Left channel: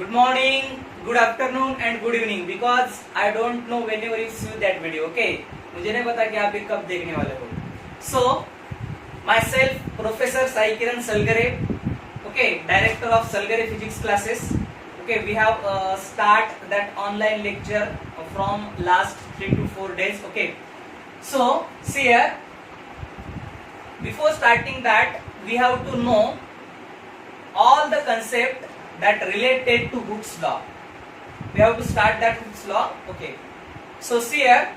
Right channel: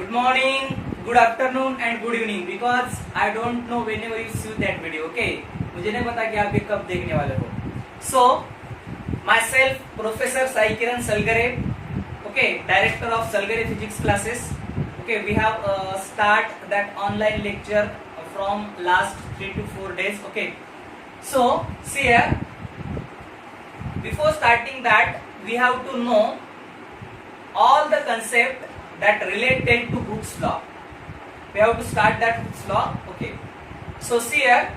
Good morning, good afternoon and good evening because I don't know whenever you see that video. Okay, मुझे नहीं पता कि आप ये कब देखने वाले हो. So myself Professor Sai Kiran Salgare, okay, Director of Salgare Physics classes. Okay, we have start that online lecture from last 3 to 4 days. Okay, so see here. Before starting that, we have to know all the concept that related to Hooke's law. We have to start that Hooke's law. Okay. So see here,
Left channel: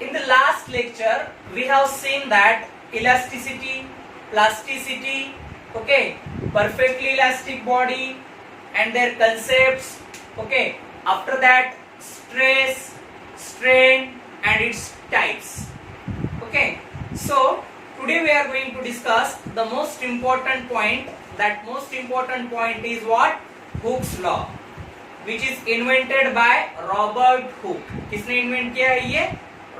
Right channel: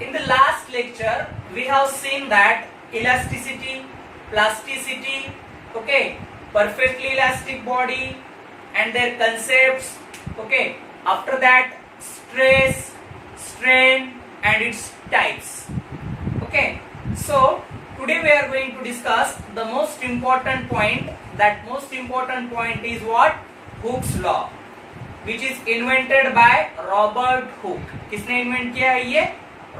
in the last lecture, we have seen that elasticity, plasticity, okay, perfectly elastic body and their concepts. Okay. After that, stress, strain and its types. Okay. So today we are going to discuss the most important point. That most important point is what? Hooke's law, which is invented by Robert Hooke. किसने इन्वेंट किया है ये?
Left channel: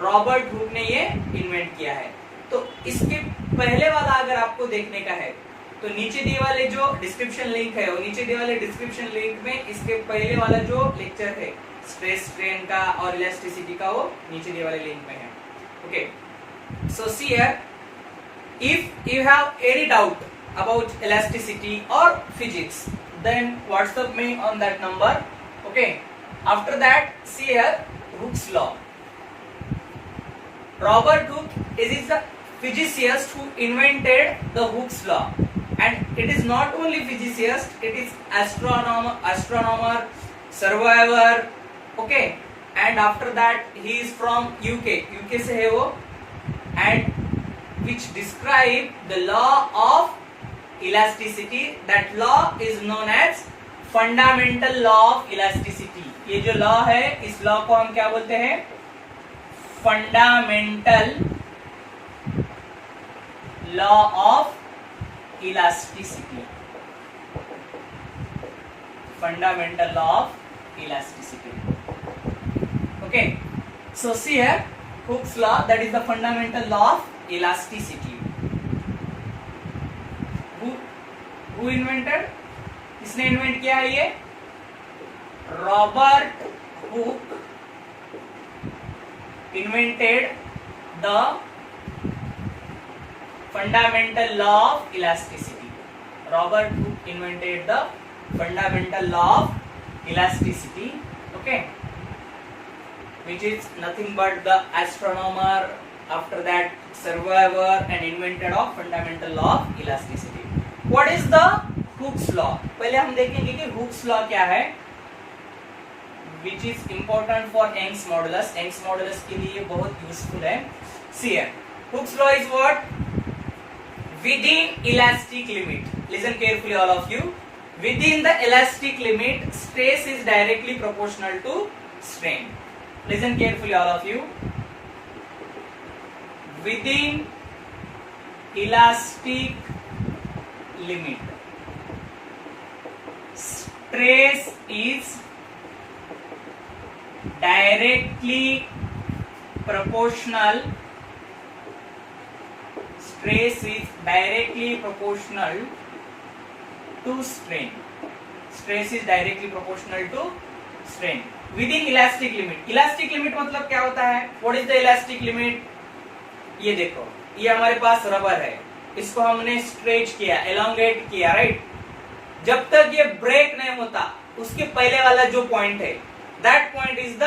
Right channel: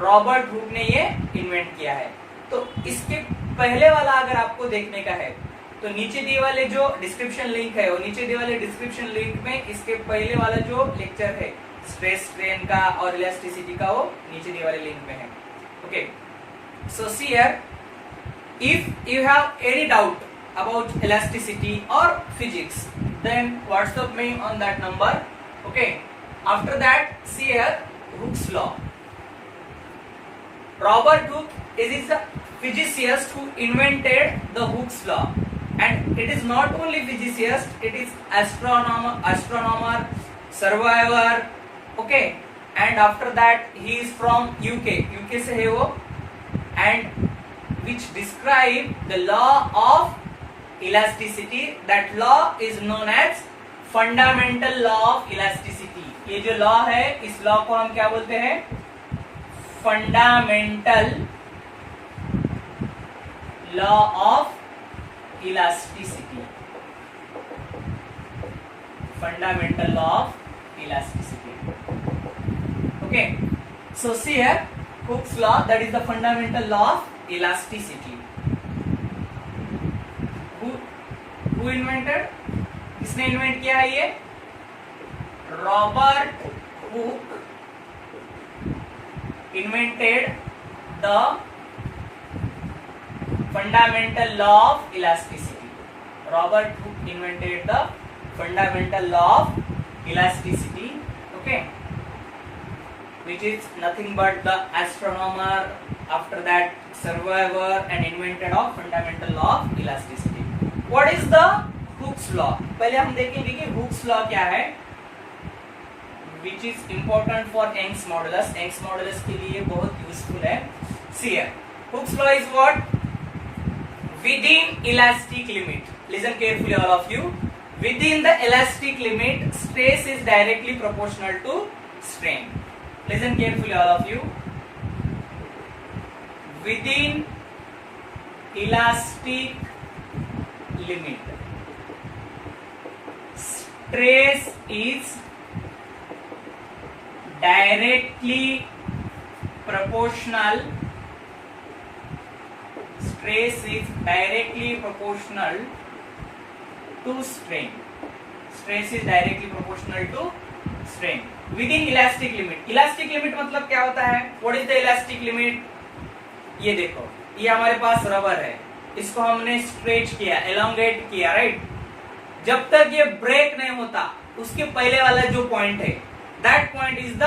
Robert Hooke ने ये इन्वेंट किया है. तो इसके पहले वाला अगर आपको देखने का है तो नीचे दिए वाले जो डिस्क्रिप्शन लिंक है, वो नीचे दिए वाले डिस्क्रिप्शन लिंक में इसके पहले वाला जो लेक्चर है स्ट्रेस स्ट्रेन का और इलास्टिसिटी का, वो नीचे दिए वाले लिंक में है. ओके, सो see here, if you have any doubt about elasticity or physics, then WhatsApp me on that number. Okay, after that, see here, Hooke's law. Robert Hooke is the physicist who invented the Hooke's law, and it is not only physicist, it is astronomer, surveyor. Okay, and after that he is from UK से है वो, and which describe the law of elasticity. That law is known as fundamental law of elasticity. ये जो law है, इस law को हम क्या बोलते हैं? Fundamental law of elasticity. Fundamental law of elasticity. Okay, so see here, Hooke's law, that is the fundamental law of elasticity. Who invented? किसने इन्वेंट किया है ये? Robert Hooke invented the fundamental law of elasticity. Robert Hooke invented the fundamental law of elasticity. Okay, which is nothing but the astronomer, after that surveyor and inventor of fundamental law of elasticity. What is the Hooke's law? पहले हम देखेंगे कि Hooke's law क्या है, which is important for Young's modulus. Young's modulus के लिए बहुत useful है. See here, Hooke's law is what? Within elastic limit. Listen carefully, all of you. Within the elastic limit, stress is directly proportional to strain. Listen carefully, all of you. Within elastic limit, stress is directly proportional. Stress is directly proportional to strain. Stress is directly proportional to strain. Within elastic limit. Elastic limit मतलब क्या होता है? What is the elastic limit? ये देखो, ये हमारे पास रबर है, इसको हमने स्ट्रेच किया, एलोंगेट किया, राइट? जब तक ये ब्रेक नहीं होता, उसके पहले वाला जो पॉइंट है, that point is the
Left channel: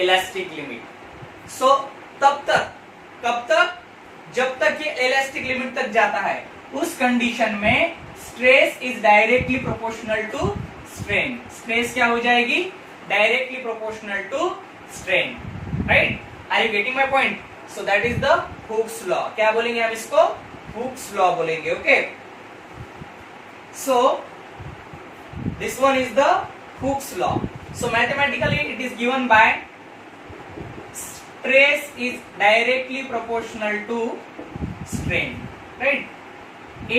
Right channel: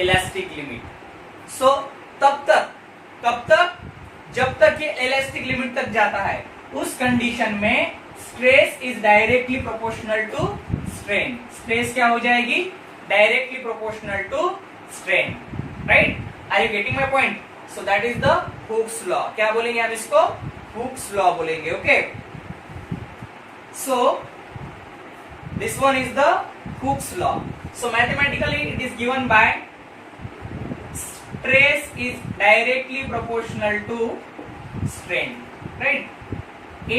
elastic limit. So तब तक, कब तक? जब तक ये इलास्टिक लिमिट तक जाता है, उस कंडीशन में stress is directly proportional to strain. Stress क्या हो जाएगी? Directly proportional to strain, right? Are you getting my point? So that is the Hooke's law. क्या बोलेंगे हम इसको? Hooke's law बोलेंगे. Okay, so this one is the Hooke's law. So mathematically it is given by stress is directly proportional to strain, right?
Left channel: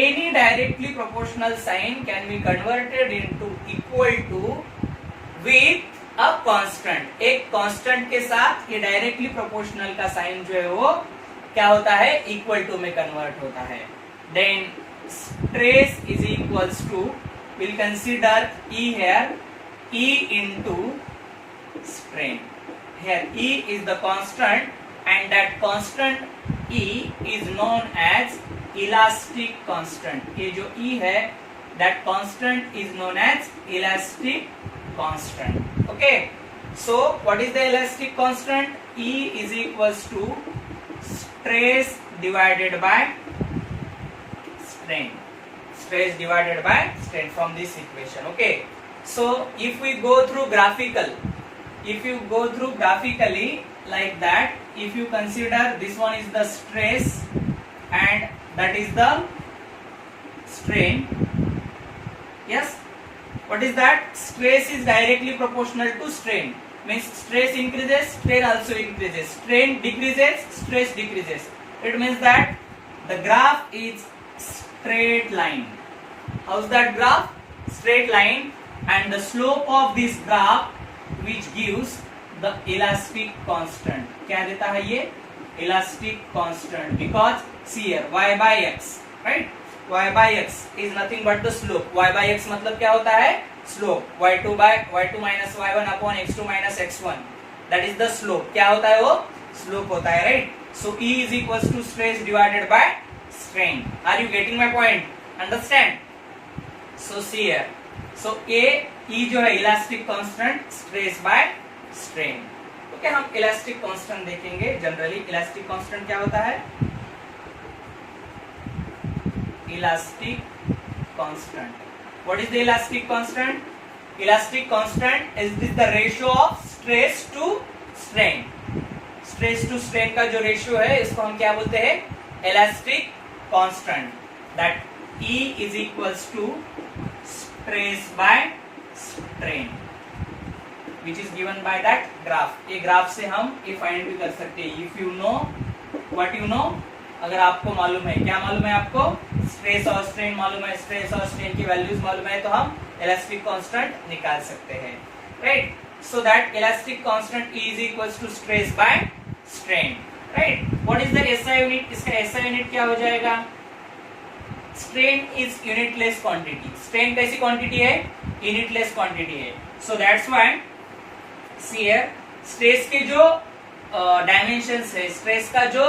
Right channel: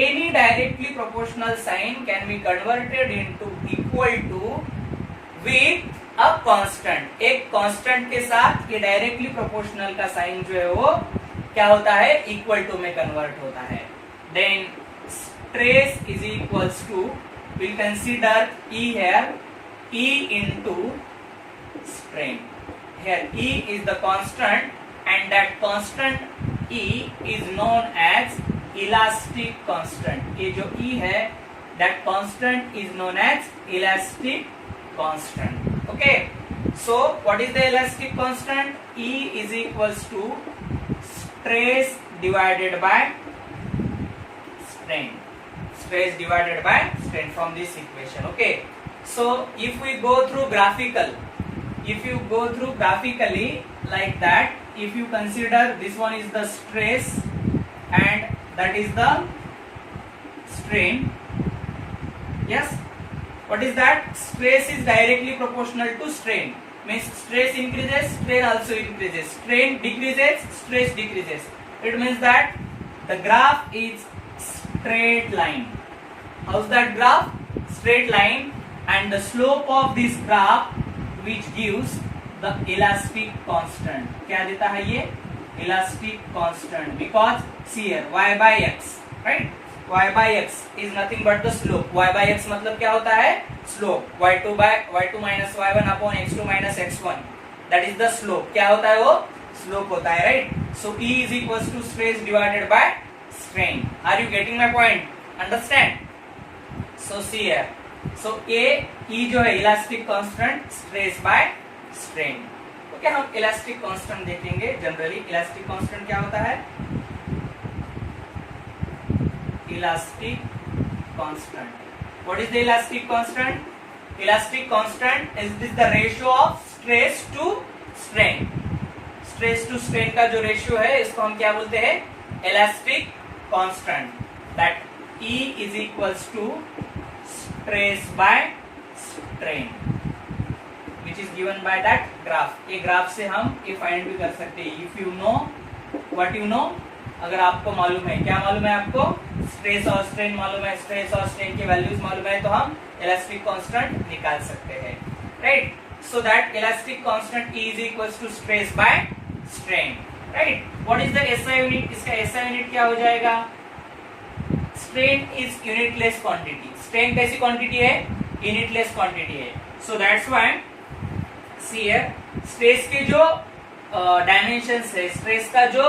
Any directly proportional sign can be converted into equal to with a constant. एक constant के साथ ये directly proportional का साइन जो है वो क्या होता है? इक्वल टू में कन्वर्ट होता है. Then stress is equals to we'll consider E here, E into strain. Here E is the constant and that constant E is known as elastic constant. ये जो E है, that constant is known as elastic constant. Okay, so what is the elastic constant? E is equals to stress divided by strain. Stress divided by strain from this equation. Okay, so if we go through graphically like that, if you consider this one is the stress and that is the strain. Yes, what is that? Stress is directly proportional to strain, means stress increases, strain also increases. Strain decreases, stress decreases. It means that the graph is straight line. How's that graph? Straight line, and the slope of this graph which gives the elastic constant. क्या देता है ये? Elastic constant. Because see here y by x, right? Y by x is nothing but the slope. Y by x मतलब क्या होता है? Slope. y2 minus y1 upon x2 minus x1. That is the slope. क्या होता है वो? Slope होता है, right? So E is equals to stress divided by strain. Are you getting my point? Understand? So see here. So E जो है elastic constant, stress by strain. Okay, हम elastic constant देखेंगे. जनरली इलास्टिक कांस्टेंट क्या होता है? Elastic constant. What is the elastic constant? Elastic constant is the ratio of stress to strain. Stress to strain का जो ratio है इसको हम क्या बोलते हैं? Elastic constant. That E is equals to stress by strain, which is given by that graph. ये ग्राफ से हम ये फाइंड भी कर सकते हैं. If you know what you know, अगर आपको मालूम है, क्या मालूम है आपको? स्ट्रेस और स्ट्रेन मालूम है, स्ट्रेस और स्ट्रेन की वैल्यूज मालूम है, तो हम इलास्टिक कांस्टेंट निकाल सकते हैं, right? So that elastic constant E is equals to stress by strain, right? What is the SI unit? इसका SI यूनिट क्या हो जाएगा? Strain is unitless quantity. Strain कैसी क्वांटिटी है? यूनिटलेस क्वांटिटी है. So that's why see here stress के जो dimensions है, स्ट्रेस का जो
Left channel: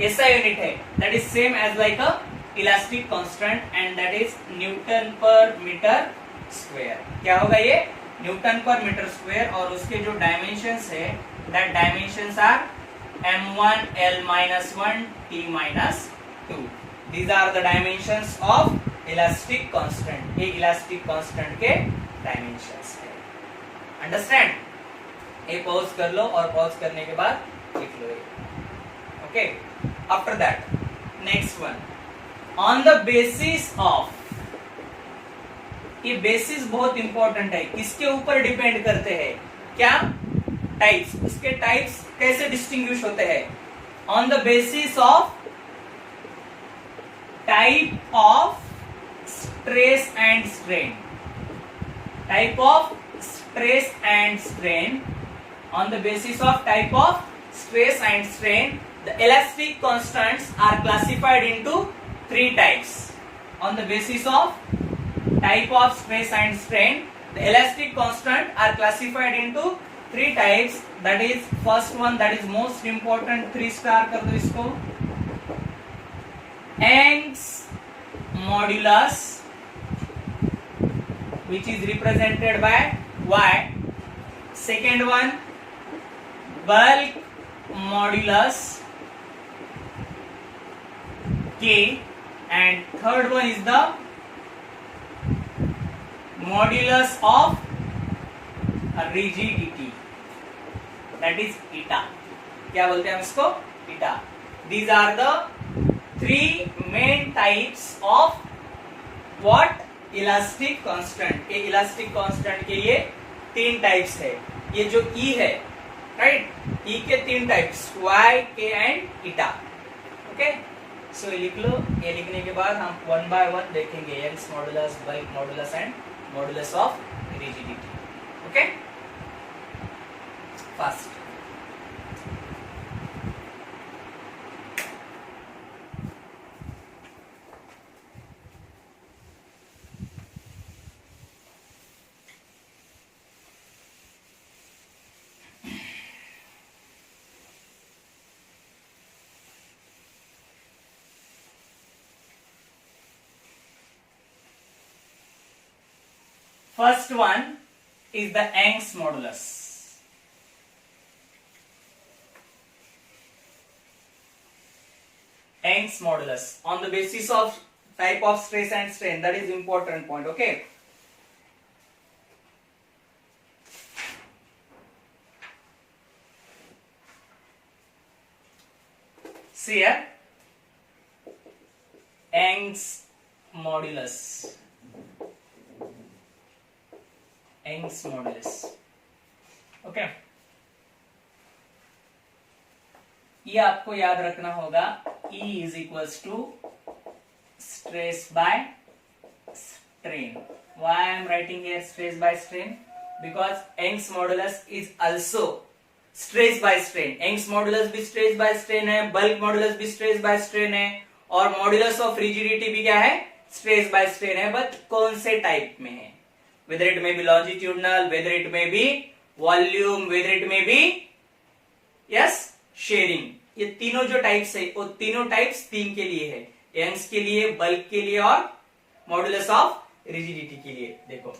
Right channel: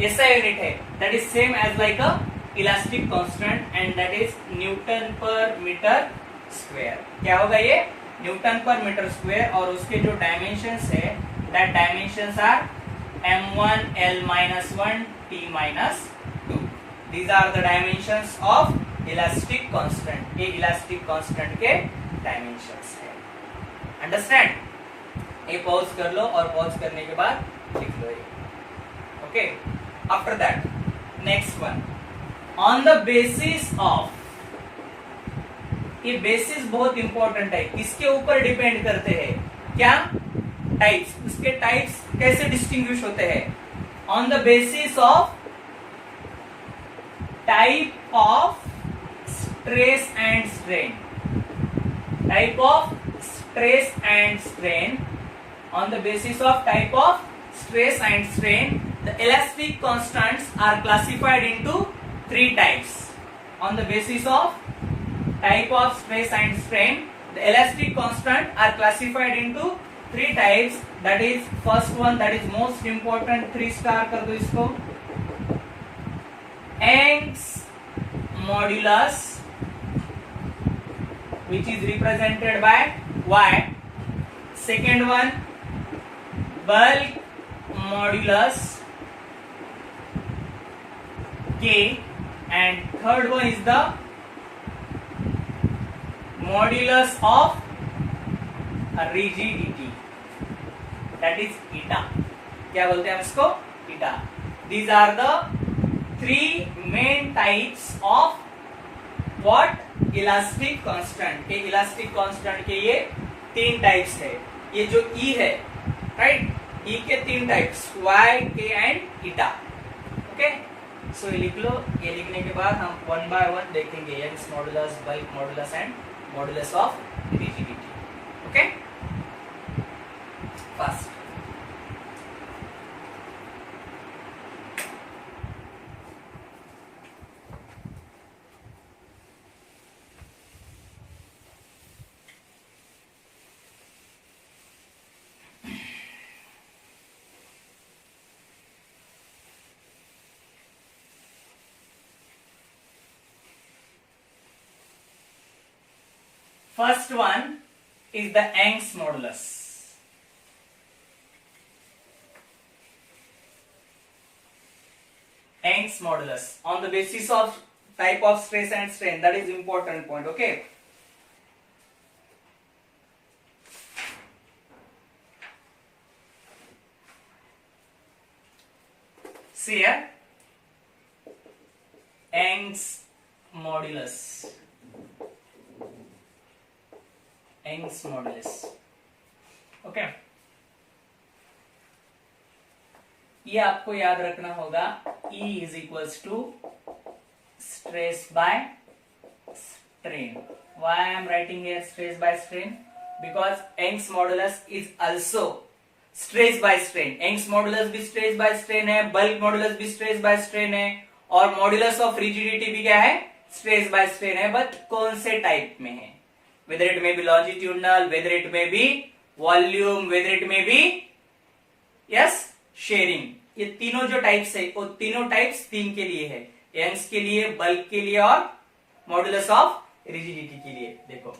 SI यूनिट है, that is same as like a elastic constant and that is newton per metre square. क्या होगा ये? Newton per metre square. और उसके जो डायमेंशंस है, that dimensions are m1 l minus 1 t minus 2. These are the dimensions of elastic constant. ये elastic constant के dimensions है. Understand? ये pause कर लो और pause करने के बाद लिख लो ये. Okay. After that, next one. On the basis of, ये basis बहुत important है. किसके ऊपर depend करते हैं? क्या? Types. इसके types कैसे distinguish होते हैं? On the basis of type of stress and strain. Type of stress and strain. On the basis of type of stress and strain, the elastic constants are classified into three types. On the basis of type of stress and strain, the elastic constant are classified into three types. That is first one, that is most important, 3 star कर दो इसको. Young's modulus, which is represented by Y. Second one, bulk modulus K, and third one is the modulus of rigidity, that is eta. क्या बोलते हैं हम इसको? eta. These are the three main types of what? Elastic constant. ये elastic constant के ये 3 types है. ये जो E है, right? E के 3 types, Y, K and eta. Okay? So ये लिख लो. ये लिखने के बाद हम one by one देखेंगे. Young's modulus, bulk modulus and modulus of rigidity. Okay? First. First one is the Young's modulus. Young's modulus on the basis of type of stress and strain. That is important point. Okay. See here, Young's modulus. Young's modulus. Okay. ये आपको याद रखना होगा. E is equals to stress by strain. Why I am writing here stress by strain? Because Young's modulus is also stress by strain. Young's modulus भी stress by strain है, bulk modulus भी stress by strain है, और modulus of rigidity भी क्या है? Stress by strain है. बट कौन से टाइप में है? Whether it may be longitudinal, whether it may be volume, whether it may be yes sharing. ये तीनों जो टाइप्स है वो तीनों टाइप्स तीन के लिए है. यंग्स के लिए, बल्क के लिए और मॉडुलस ऑफ रिजिडिटी के लिए. देखो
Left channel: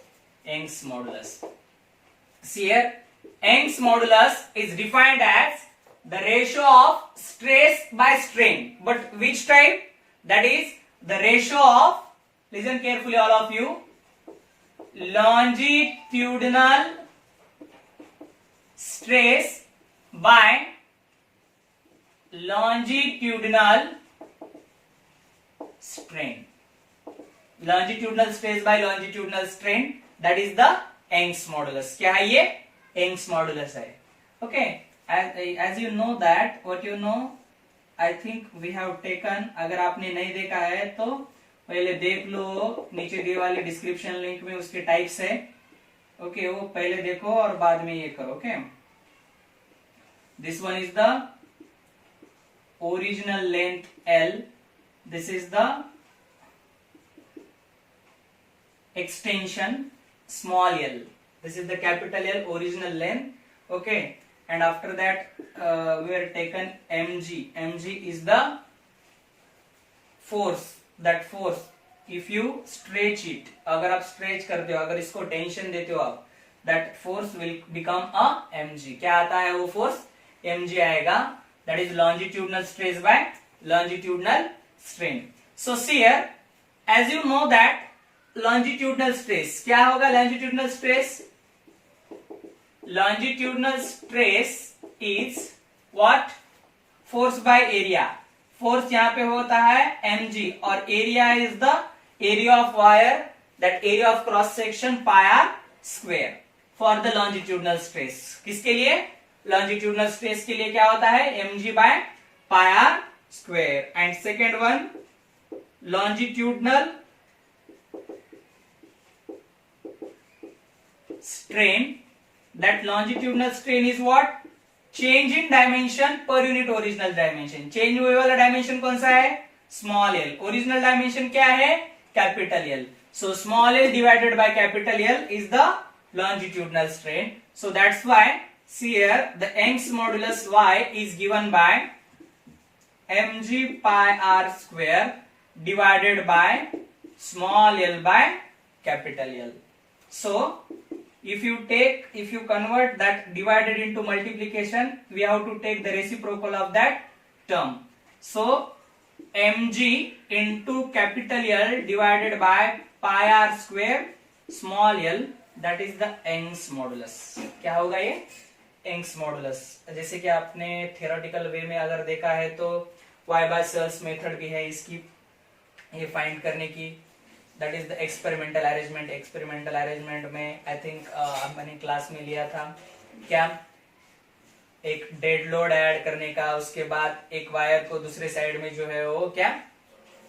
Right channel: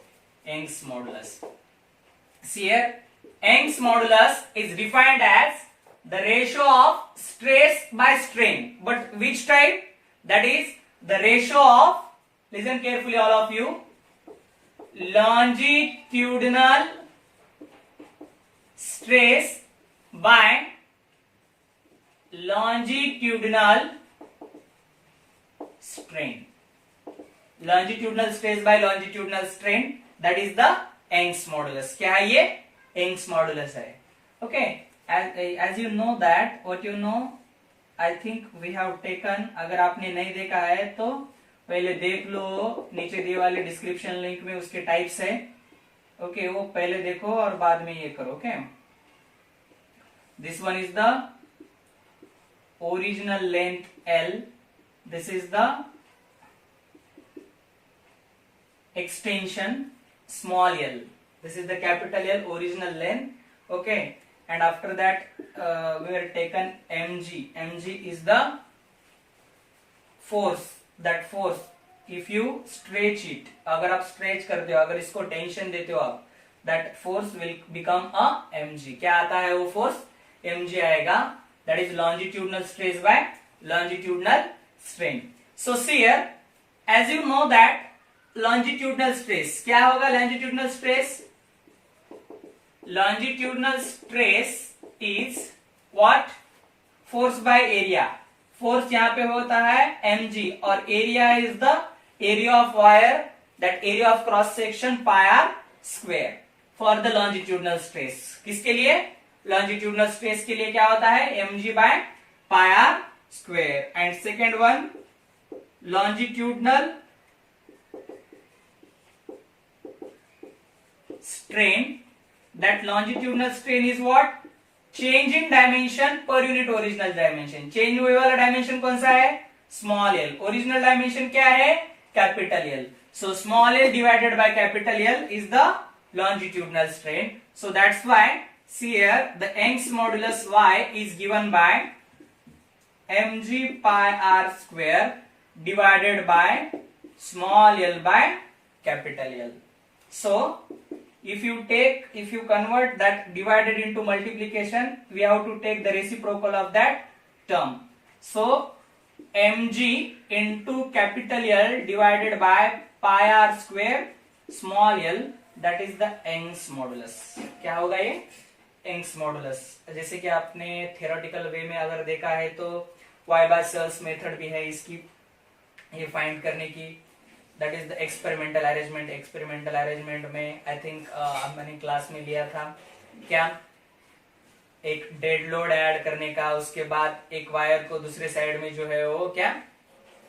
Young's modulus. See here, Young's modulus is defined as the ratio of stress by strain. But which type? That is the ratio of, listen carefully all of you, longitudinal stress by longitudinal strain. Longitudinal stress by longitudinal strain, that is the Young's modulus. क्या है ये? Young's modulus है. Okay, as you know that, what you know, I think we have taken. अगर आपने नहीं देखा है तो पहले देख लो, नीचे दिए वाले डिस्क्रिप्शन लिंक में उसके टाइप्स है. ओके, वो पहले देखो और बाद में ये करो. Okay, this one is the original length L. This is the extension small l. This is the capital L, original length. Okay, and after that we are taken mg. Mg is the force. That force, if you stretch it, अगर आप stretch करते हो, अगर इसको tension देते हो आप, that force will become a mg. क्या आता है वो force? mg आएगा. That is longitudinal stress by longitudinal strain. So see here, as you know that longitudinal stress क्या होगा? longitudinal stress is what? force by area. force यहाँ पे होता है mg और area is the area of wire, that area of cross section pi r square for the longitudinal stress. किसके लिए? longitudinal stress के लिए क्या होता है? mg by pi r square. and second one, longitudinal strain. That longitudinal strain is what? change in dimension per unit original dimension. change हुए वाला dimension कौन सा है? small l. original dimension क्या है? capital L. so small l divided by capital L is the longitudinal strain. so that's why see here, the Young's modulus Y is given by mg pi r square divided by small l by capital L. so if you convert that divided into multiplication, we have to take the reciprocal of that term. so mg into capital L divided by pi r square small l, that is the Young's modulus. क्या होगा ये? Young's modulus. जैसे कि आपने theoretical way में अगर देखा है तो Weier's मेथड भी है इसकी ये फाइंड करने की. That is the experimental arrangement. experimental arrangement में I think मैंने क्लास में लिया था क्या? एक डेड लोड ऐड करने का, उसके बाद एक वायर को दूसरे साइड में जो है वो क्या,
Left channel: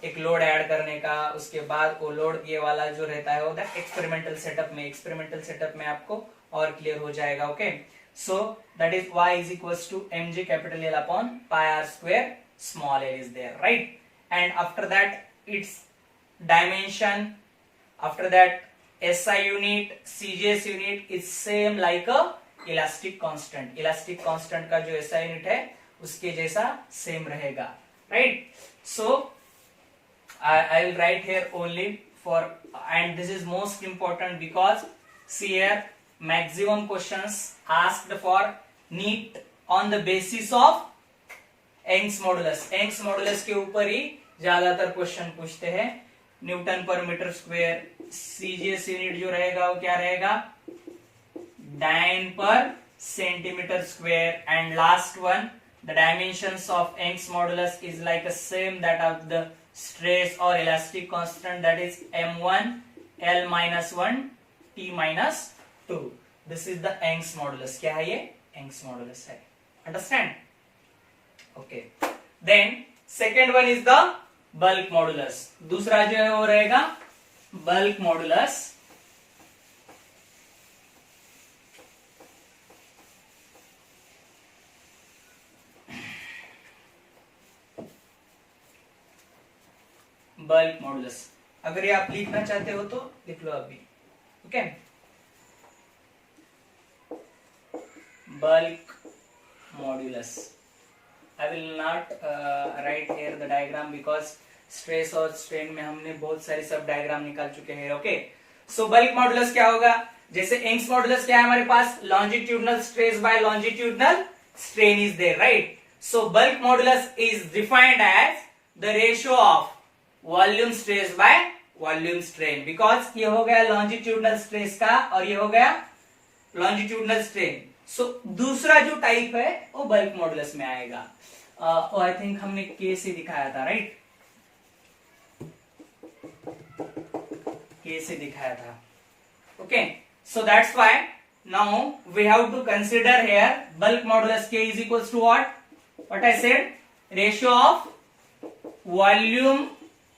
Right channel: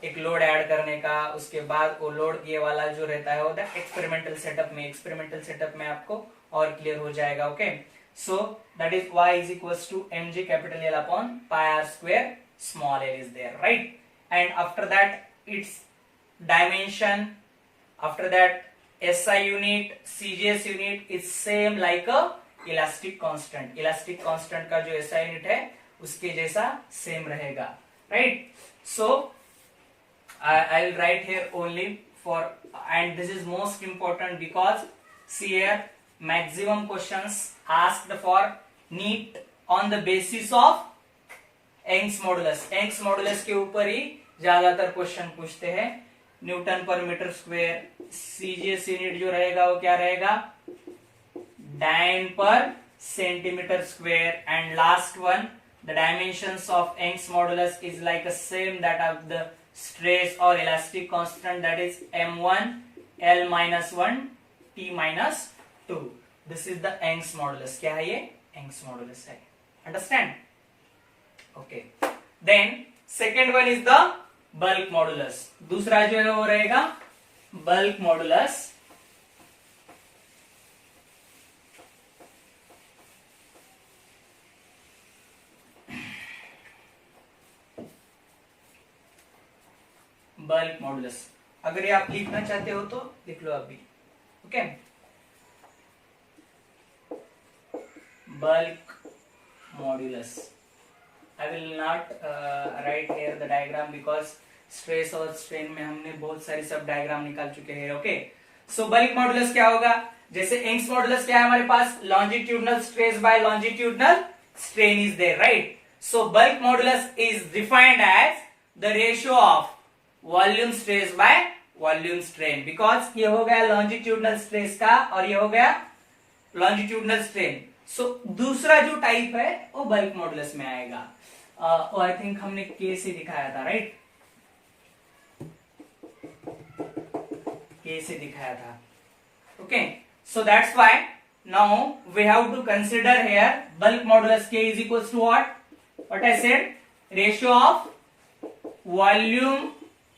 एक लोड ऐड करने का, उसके बाद वो लोड ये वाला जो रहता है वो एक्सपेरिमेंटल सेटअप में. एक्सपेरिमेंटल सेटअप में आपको और क्लियर हो जाएगा. ओके, सो that is y is equals to mg capital L upon pi r square small l is there, right? and after that its dimension, after that SI unit, CGS unit is same like a elastic constant. elastic constant का जो SI unit है उसके जैसा same रहेगा, right? so I will write here only for, and this is most important because see here maximum questions asked for NEET on the basis of Young's modulus. Young's modulus के ऊपर ही ज्यादातर क्वेश्चन पूछते हैं. Newton per metre square. CGS unit जो रहेगा वो क्या रहेगा, dyne per centimetre square. And last one, the dimensions of Young's modulus is like a same that of the stress और elastic constant, that is m1 l-1 t-2. This is the Young's modulus. क्या है ये, Young's modulus है. Understand? Okay. Then second one is the bulk modulus. दूसरा जो है वो रहेगा बल्क मॉडुलस. बल्क मॉडुलस अगर ये आप लिखना चाहते हो तो लिख लो अभी. Okay. Bulk modulus. I will not write here the diagram because stress और स्ट्रेन में हमने बहुत सारी सब डायग्राम निकाल चुके हैं. ओके. सो बल्क मॉडुलस क्या होगा, जैसे यंग्स मॉडुलस क्या है हमारे पास, longitudinal stress by longitudinal strain is there, right. So bulk modulus is defined as the ratio of volume stress by volume strain. Because ये हो गया लॉन्जिट्यूडनल स्ट्रेस का और ये हो गया लॉन्जिट्यूडनल स्ट्रेन. सो दूसरा जो टाइप है वो बल्क मॉडुलस में आएगा. आई थिंक हमने के से दिखाया था, राइट. के से दिखाया था. Okay. So that's why now we have to consider here bulk modulus K is equals to what I said, ratio of volume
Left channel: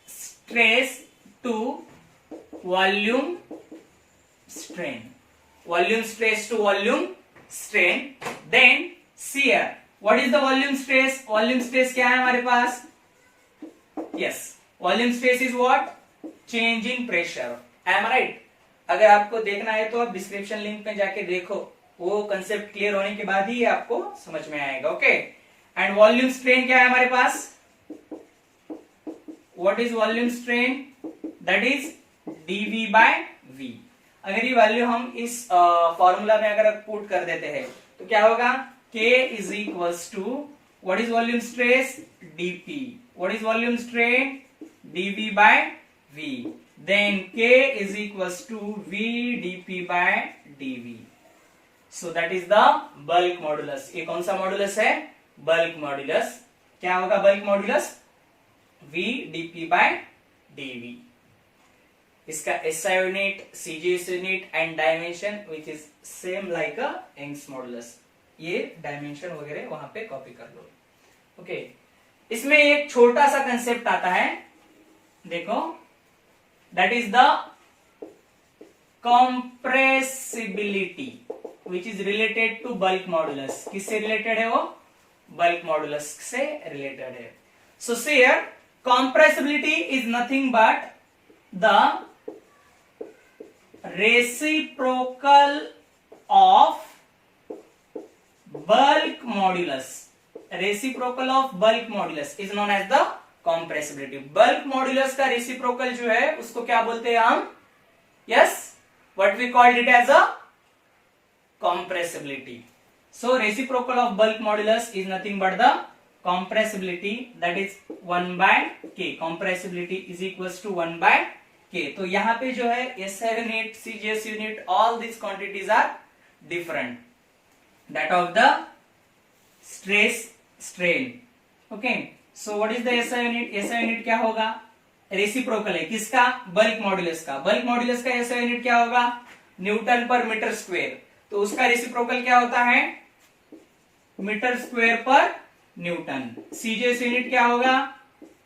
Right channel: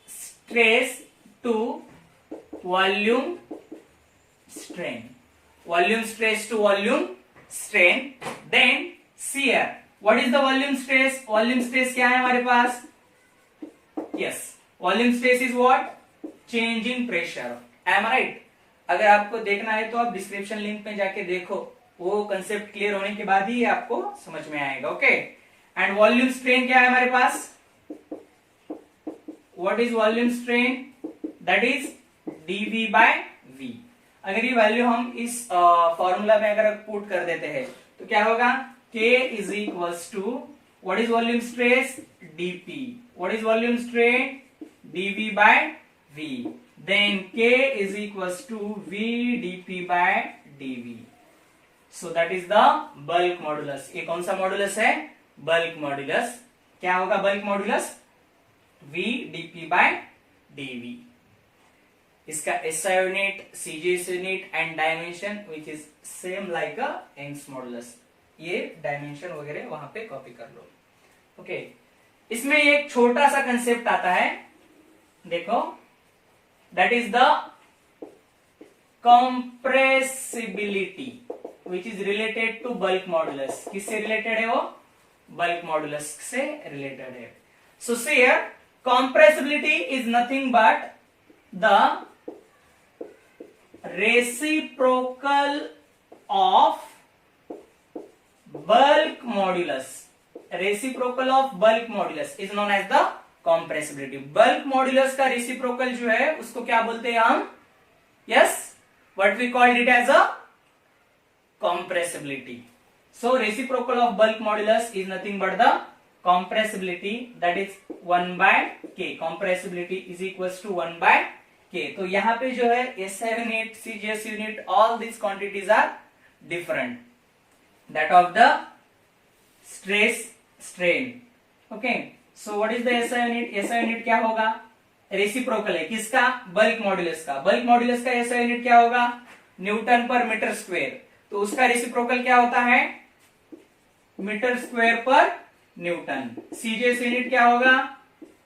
stress to volume strain. Volume stress to volume strain. Then see here, what is the volume stress? Volume stress क्या है हमारे पास? Yes, volume stress is what? Change in pressure. Am I right? अगर आपको देखना है तो आप description link में जाके देखो, वो कंसेप्ट क्लियर होने के बाद ही आपको समझ में आएगा. ओके. एंड वॉल्यूम स्ट्रेन क्या है हमारे पास? What is volume strain? That is dV by V. अगर ये वैल्यू हम इस फॉर्मूला में अगर पुट कर देते हैं तो क्या होगा, K is equals to what is volume stress, dP. What is volume strain, dV by V. Then K is equals to V dP by dV. So that is the bulk modulus. ये कौन सा modulus है, bulk modulus. क्या होगा bulk modulus, V dP by dV. इसका SI unit, CGS unit and dimension which is same like a Young's modulus. ये dimension वगैरह वहां पे कॉपी कर लो. ओके. इसमें एक छोटा सा कंसेप्ट आता है, देखो, that is the compressibility which is related to bulk modulus. किससे रिलेटेड है वो, बल्क मॉडुलस से रिलेटेड है. So see here, compressibility is nothing but the reciprocal of bulk modulus. Reciprocal of bulk modulus is known as the compressibility. bulk modulus का reciprocal जो है उसको क्या बोलते हैं हम, yes, what we called it as a compressibility. So reciprocal of bulk modulus is nothing but the compressibility, that is 1 by K. compressibility is equals to 1 by K. तो यहाँ पे जो है SI unit, CGS unit, all these quantities are different. That of the stress strain. Okay. So what is the SI unit? SI unit क्या होगा, रेसिप्रोकल है किसका, bulk modulus का. बल्क मॉडुलस का SI यूनिट क्या होगा, न्यूटन पर मीटर स्क्वायर. तो उसका रेसिप्रोकल क्या होता है, metre square per newton. CGS unit क्या होगा,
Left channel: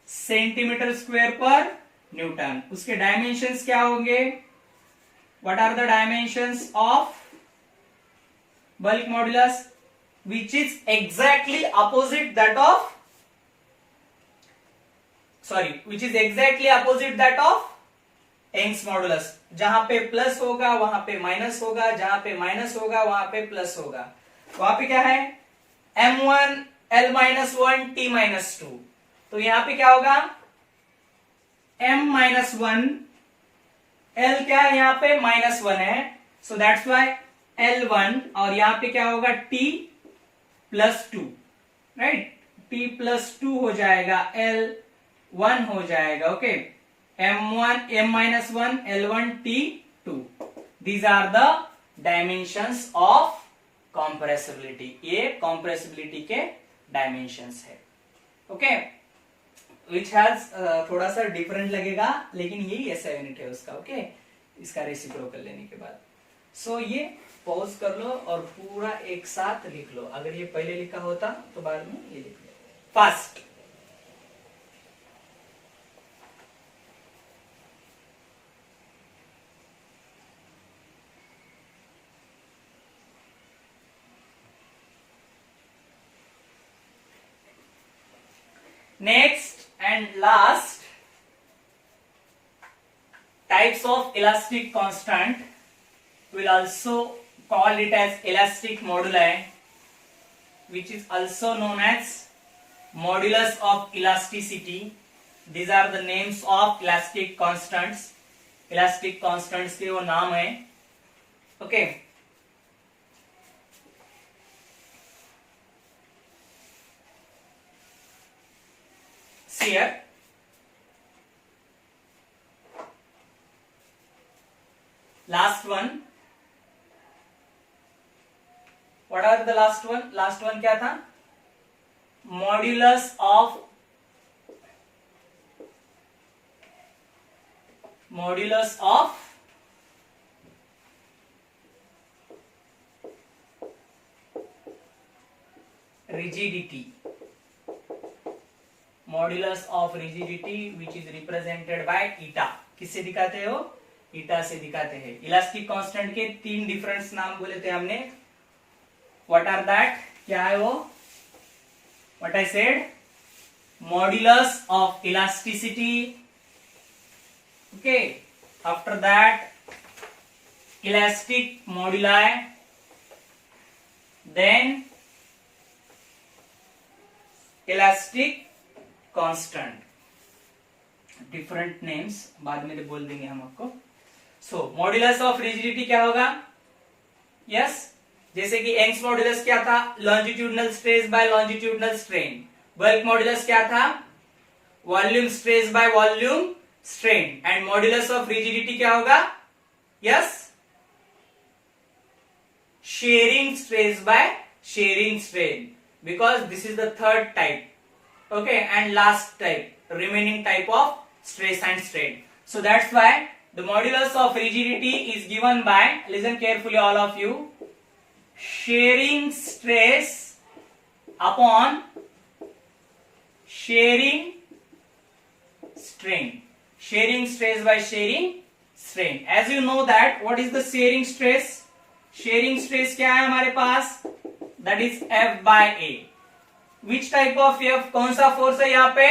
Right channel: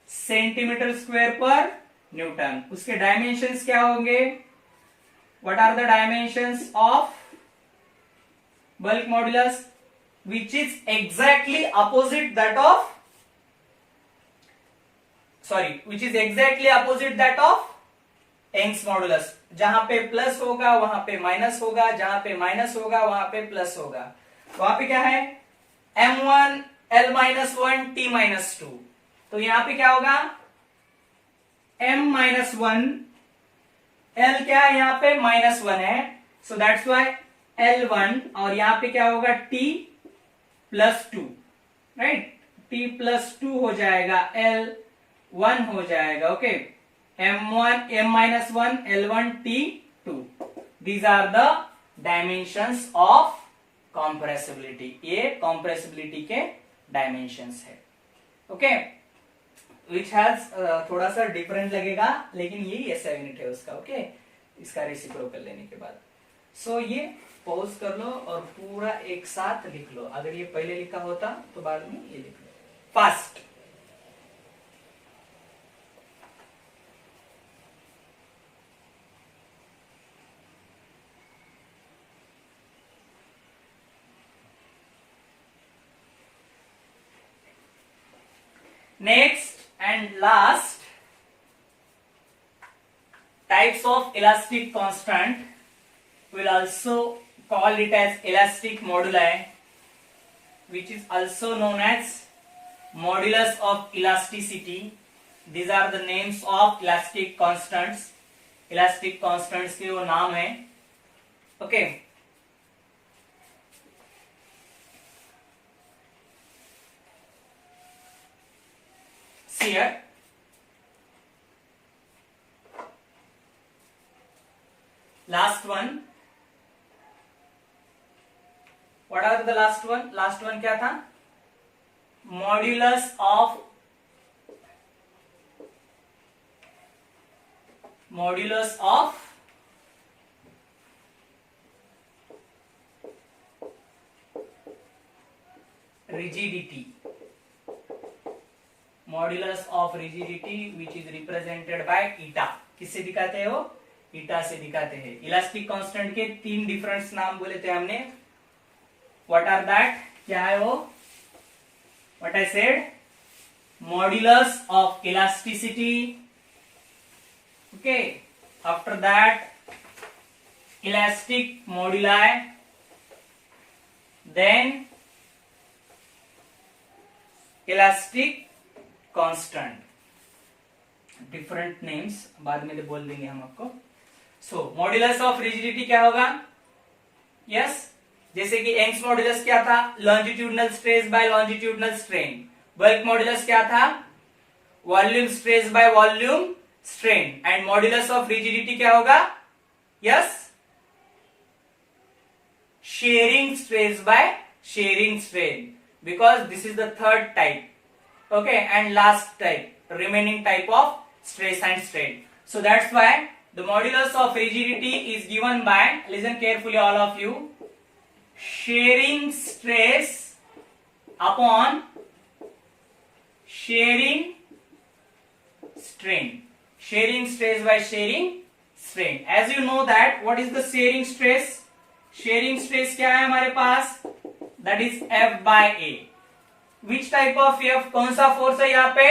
सेंटीमीटर स्क्वायर पर न्यूटन. उसके डायमेंशंस क्या होंगे, what are the dimensions of bulk modulus, which is exactly opposite that of, sorry, which is exactly opposite that of Young's modulus. जहां पे प्लस होगा वहां पे माइनस होगा, जहां पे माइनस होगा वहां पे प्लस होगा. वहां पे क्या है, m1 l-1 t-2. तो यहां पे क्या होगा, m-1 एल क्या है यहाँ पे -1 है, सो दैट्स वाई L1, और यहाँ पे क्या होगा T+2, राइट, T+2 हो जाएगा, L1 हो जाएगा, okay, M-1 L1 T2, these are the dimensions of compressibility, ये कॉम्प्रेसिबिलिटी के डायमेंशंस है, ओके, विच हैज थोड़ा सा डिफरेंट लगेगा, लेकिन यही ऐसा यूनिट है उसका, ओके, इसका रेसिप्रोकल लेने के बाद। सो ये पॉज कर लो और पूरा एक साथ लिख लो, अगर ये पहले लिखा होता तो बाद में ये लिख लो fast. Next and last types of elastic constant, will also call it as elastic moduli, which is also known as modulus of elasticity. These are the names of elastic constants. Elastic constants के वो नाम है, okay. See here, last one, what are the last one? Last one क्या था? Modulus of rigidity, modulus of rigidity which is represented by ईटा। किससे दिखाते हो? ईटा से दिखाते हैं। इलास्टिक कांस्टेंट के 3 डिफरेंट नाम बोले थे हमने, व्हाट आर दैट, क्या है वो? What I said, modulus of elasticity, okay, after that elastic moduli, then elastic constant, different names बाद में बोल देंगे हम आपको। सो मॉड्यूलस ऑफ रिजिडिटी क्या होगा? यस, जैसे कि यंग्स मॉड्यूलस क्या था? Longitudinal stress by longitudinal strain. Bulk modulus क्या था? Volume stress by volume strain. And modulus of rigidity क्या होगा? Yes, sharing stress by sharing strain, because this is the third type, okay, and last type, remaining type of stress and strain. So that's why the modulus of rigidity is given by, listen carefully all of you, shearing stress upon shearing strain. Shearing stress by shearing strain. As you know that what is the shearing stress? Shearing stress क्या है हमारे पास? That is F by A. Which type of F? कौन सा force है यहाँ पे?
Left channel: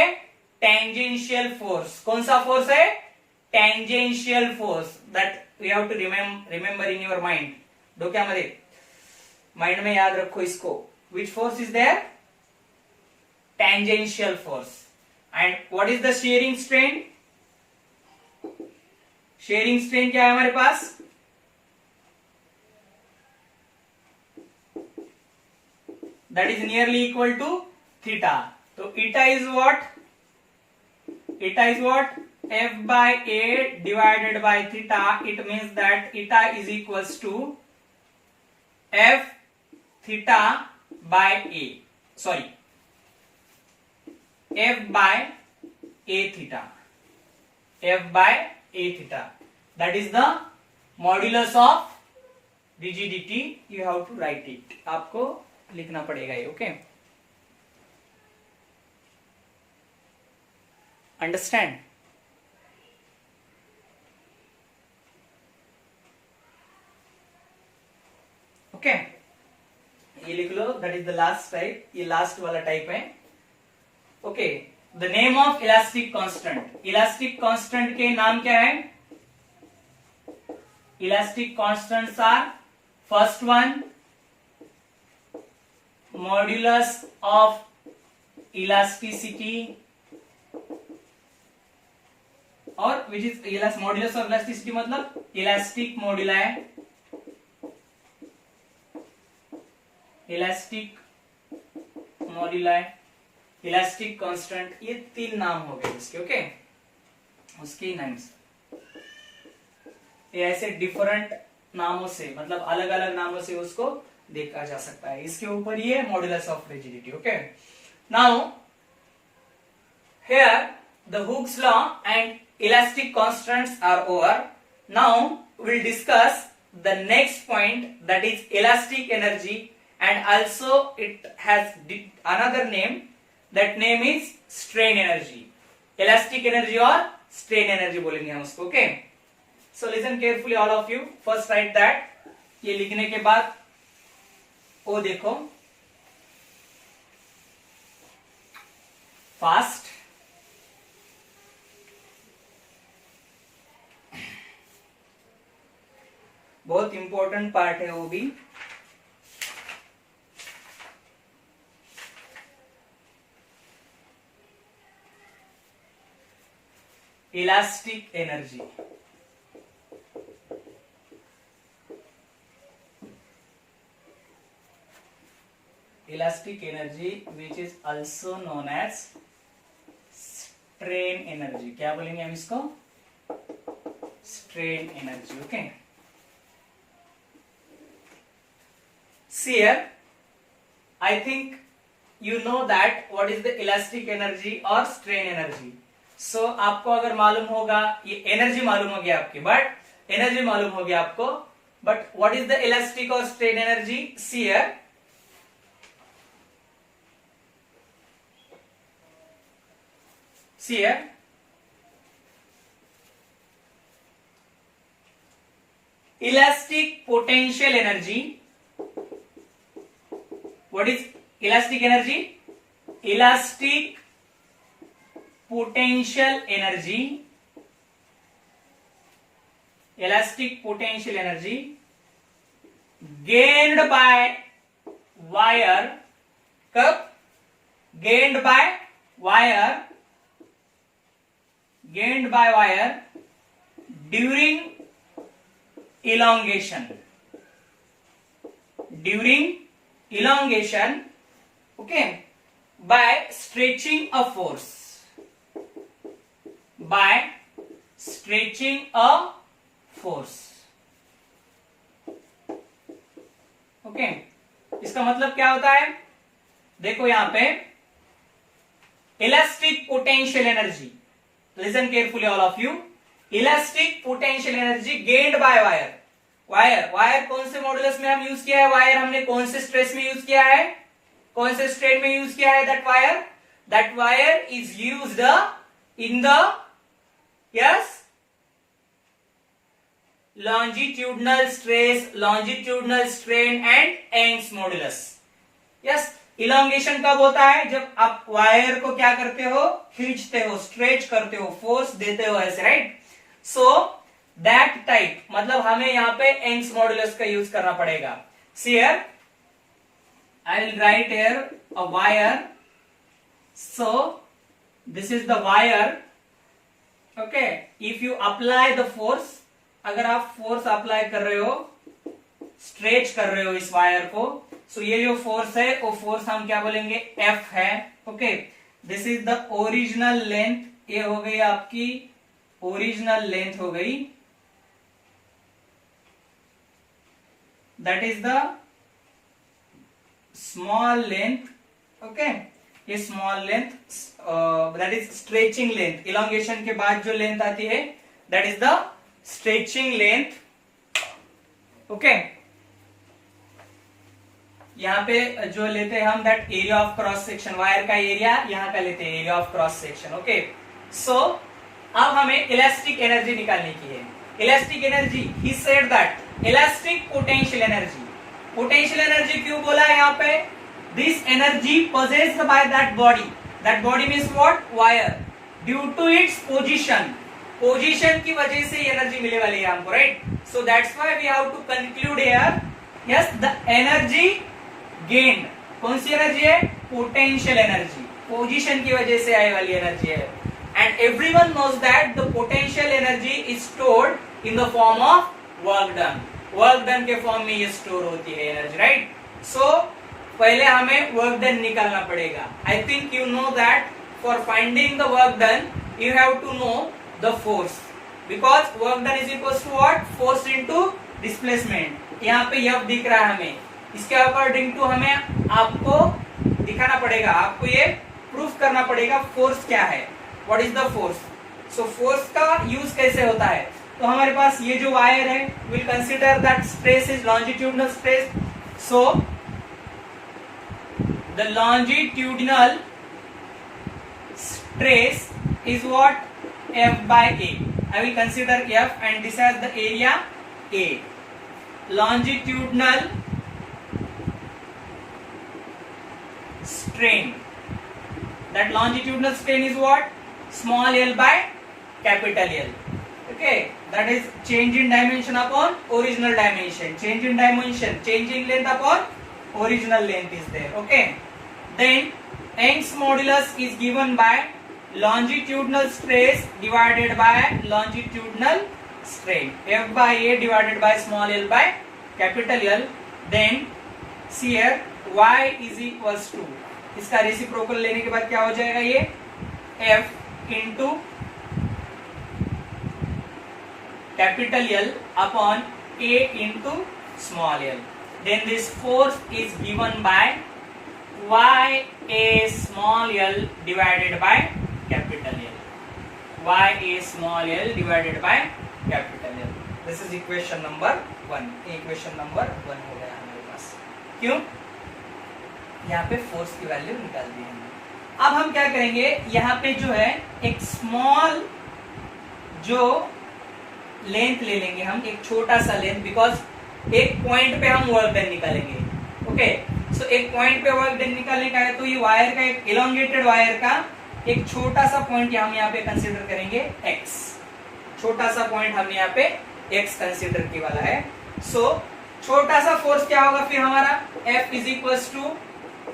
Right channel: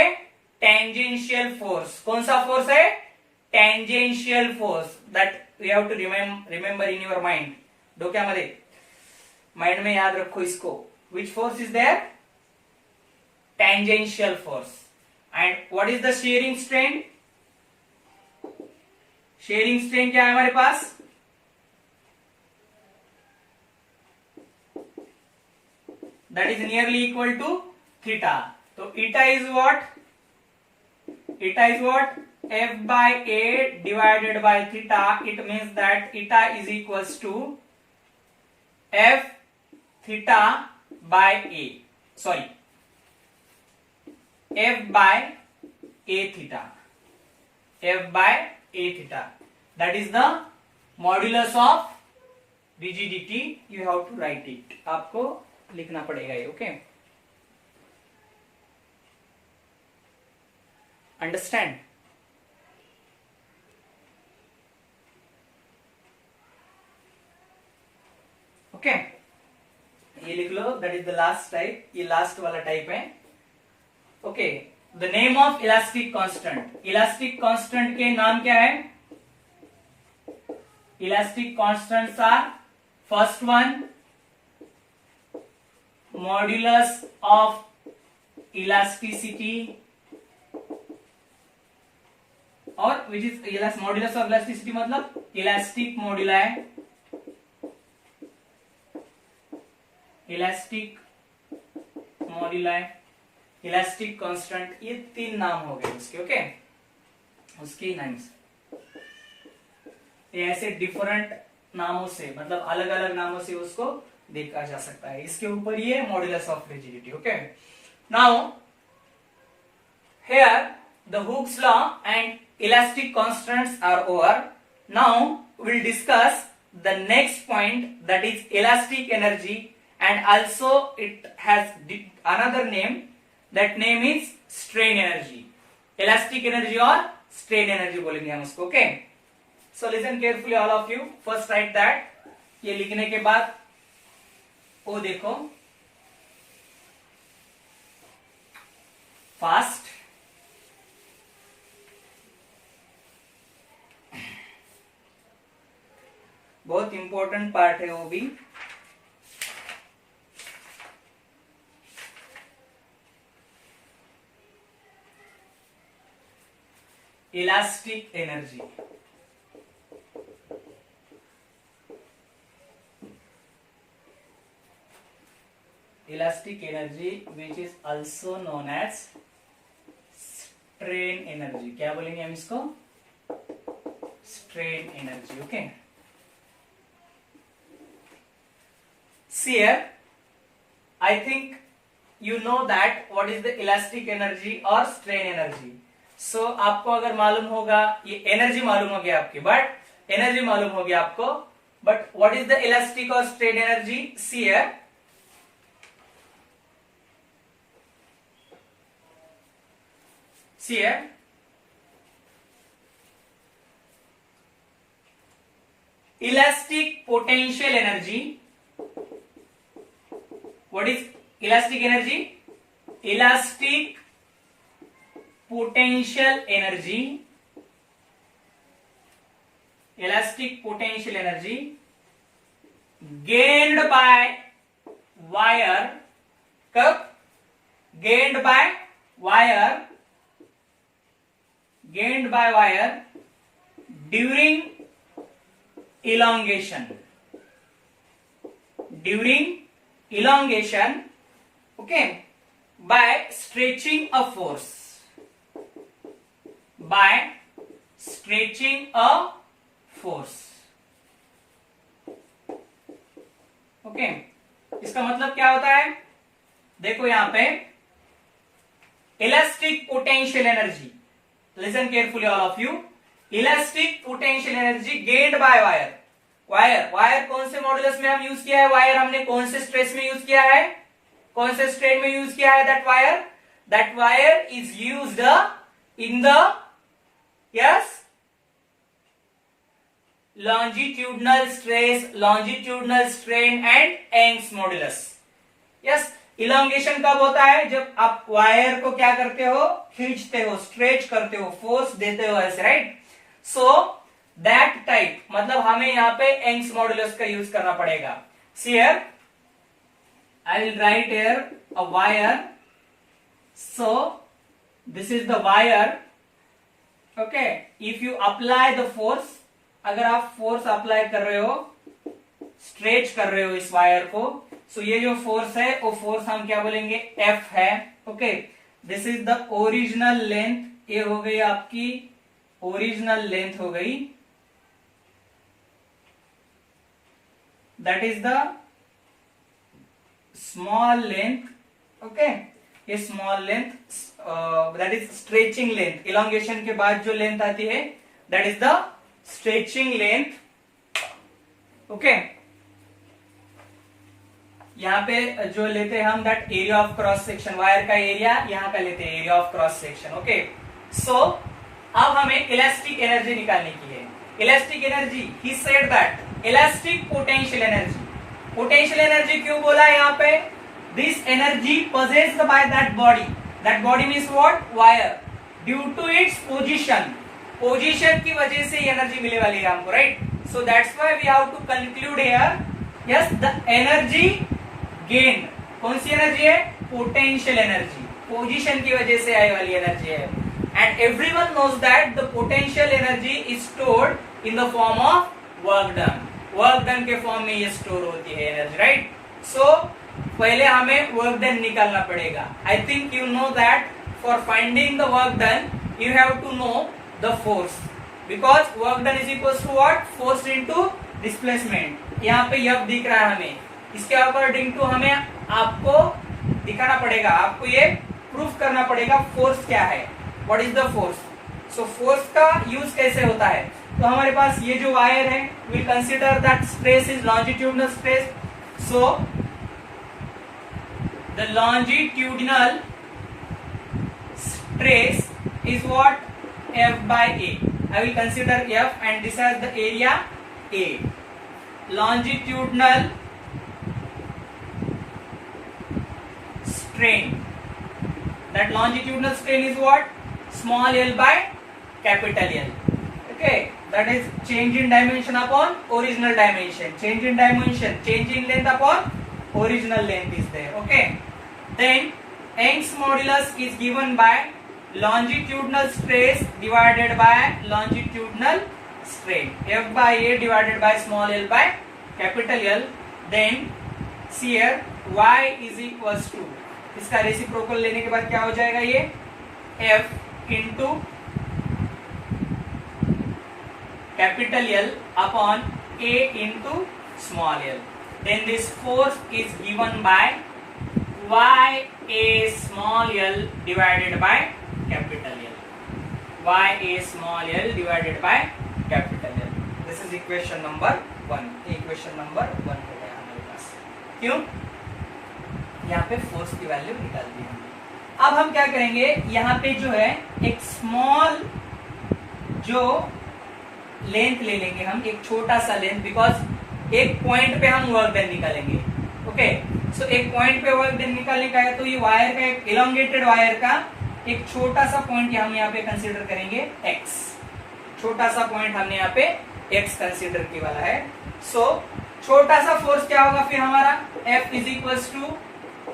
Tangential force. कौन सा फोर्स है? Tangential force. That we have to remember in your mind, डोक्यामध्ये, माइंड में याद रखो इसको। Which force is there? Tangential force. And what is the shearing strain? Shearing strain क्या है हमारे पास? that is nearly equal to theta. So eta is what? Eta is what? F by A divided by theta. It means that eta is equals to F theta by A. Sorry, F by A theta. F by A theta. That is the modulus of rigidity. You have to write it. आपको लिखना पड़ेगा ये, okay? Understand? Okay, ये लिख लो, that is the last type. ये last वाला type है, okay. The name of elastic constant. Elastic constant के नाम क्या है? Elastic constants are, first one modulus of elasticity, और which is modulus of elasticity मतलब elastic moduli, elastic moduli, elastic constant, ये 3 नाम हो गए इसके। ओके, उसके नाम्स ये ऐसे डिफरेंट नामों से, मतलब अलग अलग नामों से उसको देखा जा सकता है। इसके ऊपर ये modulus of rigidity. Okay, now here the Hooke's law and elastic constants are over. Now we'll discuss the next point, that is elastic energy, and also it has another name, that name is strain energy। elastic energy और strain energy बोलेंगे हम उसको। Okay, so listen carefully all of you, first write that। ये लिखने के बाद ओ देखो, फास्ट, बहुत इंपॉर्टेंट पार्ट है वो भी। Elastic energy, elastic energy which is also known as strain energy. क्या बोलेंगे हम इसको? Strain energy. Okay, see here, I think you know that what is the elastic energy or strain energy। so आपको अगर मालूम होगा, ये एनर्जी मालूम हो गया आपकी, बट एनर्जी मालूम हो गया आपको, but what is the elastic or strain energy? see here, see here, elastic potential energy। what is elastic energy? elastic potential energy, elastic potential energy gained by wire। कब? gained by wire, gained by wire during elongation, during elongation, okay, by stretching a force, by stretching a force। okay, इसका मतलब क्या होता है? देखो यहां पे elastic potential energy, listen carefully all of you, elastic potential energy gained by wire. Wire, wire कौन से मॉड्यूलस में हम यूज किया है? वायर हमने कौन से स्ट्रेस में यूज किया है? कौन से स्ट्रेन में यूज किया है? That wire is used in the yes longitudinal stress, longitudinal strain and Young's modulus. Yes, elongation कब होता है? जब आप वायर को क्या करते हो? खींचते हो, स्ट्रेच करते हो, फोर्स देते हो ऐसे, राइट? सो दैट टाइप, मतलब हमें यहां पे यंग्स मॉड्यूलस का यूज करना पड़ेगा। See here, I will write here a wire. So this is the wire. Okay, if you apply the force, अगर आप फोर्स अप्लाई कर रहे हो, स्ट्रेच कर रहे हो इस वायर को, सो ये जो फोर्स है वो फोर्स हम क्या बोलेंगे? एफ है। Okay, this is the original length, ये हो गई आपकी ओरिजिनल लेंथ हो गई, that is the small length. Okay, ये small length that is stretching length. Elongation के बाद जो लेंथ आती है that is the stretching length. Okay, यहां पे जो लेते हैं हम that area of cross section, wire का एरिया यहां का लेते हैं, area of cross section. Okay, so अब हमें इलास्टिक एनर्जी निकालने की है। Elastic energy, he said that elastic potential energy. Potential energy क्यों बोला है यहाँ पे? This energy possessed by that body means what? Wire, due to its position, position की वजह से एनर्जी मिलने वाली है हमको, right? So that's why we have to conclude here, yes, the energy gain, कौन सी एनर्जी है? पोटेंशियल एनर्जी, पोजीशन की वजह से आने वाली एनर्जी है। and everyone knows that the potential energy is stored in the form of work done. Work done के फॉर्म में ये स्टोर होती है एनर्जी, राइट? सो पहले हमें वर्क डन निकालना पड़ेगा. I think you know that for finding the work done you have to know the force, because work done is equal to what? Force into displacement. यहाँ पे यह दिख रहा है हमें, इसके अकॉर्डिंग टू हमें आपको दिखाना पड़ेगा, आपको ये प्रूफ करना पड़ेगा फोर्स क्या है, what is the force. So force का यूज कैसे होता है? तो हमारे पास ये जो वायर है, will consider that stress is longitudinal stress. So the longitudinal stress is what? F by A. I will consider F and this as the area A. Longitudinal strain. That longitudinal strain is what? Small l by capital L. Okay, that is change in dimension upon original dimension. Change in dimension, change in length upon original length is there. Okay. Then Young's modulus is given by longitudinal stress divided by longitudinal strain. F by A divided by small l by capital L. Then see here y is equals to, इसका रेसिप्रोकल लेने के बाद क्या हो जाएगा? ये F into capital L upon A into small l. Then this force is given by y A small l divided by capital L. Y A small l divided by capital L. This is equation number 1. Equation number 1 हो गया हमारे पास. क्यों? यहाँ पे फोर्स की वैल्यू निकाल दी हमने. अब हम क्या करेंगे, यहाँ पे जो है एक स्मॉल जो लेंथ ले लेंगे हम, एक छोटा सा लेंथ, बिकॉज एक पॉइंट पे हम वर्क डन निकालेंगे. ओके, सो एक पॉइंट पे वर्क डन निकालने का है, तो ये वायर का एक इलोंगेटेड वायर का एक छोटा सा पॉइंट हम यहाँ पे कंसीडर करेंगे x. छोटा सा पॉइंट हमने यहाँ पे x कंसीडर की वाला है. सो छोटा सा फोर्स क्या होगा फिर हमारा? F is equals to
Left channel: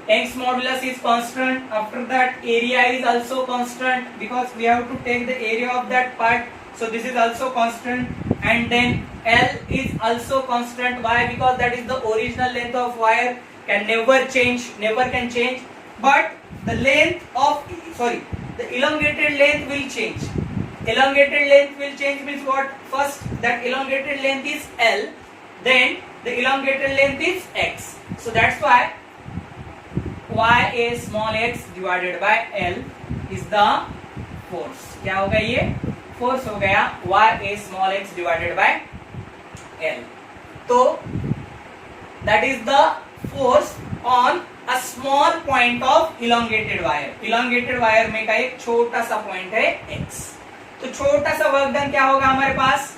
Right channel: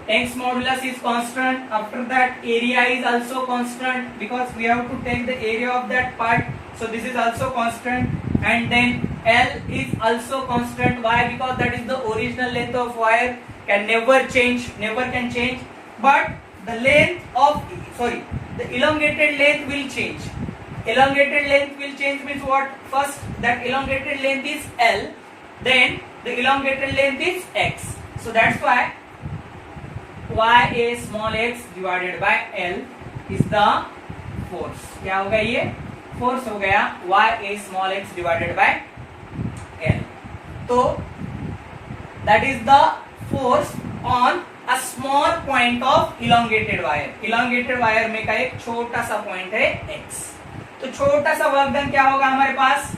Young's modulus is constant. After that area is also constant because we have to take the area of that part. So this is also constant, and then L is also constant. Why? Because that is the original length of wire, can never change, never can change. But the length of, sorry, the elongated length will change. Elongated length will change means what? First that elongated length is L, then the elongated length is x. So that's why y a small x divided by L is the force. क्या होगा ये? फोर्स हो गया y a small x divided by L. तो that is the force on a small point of elongated wire. elongated wire में का एक छोटा सा पॉइंट है x. तो छोटा सा वर्क डन क्या होगा हमारे पास?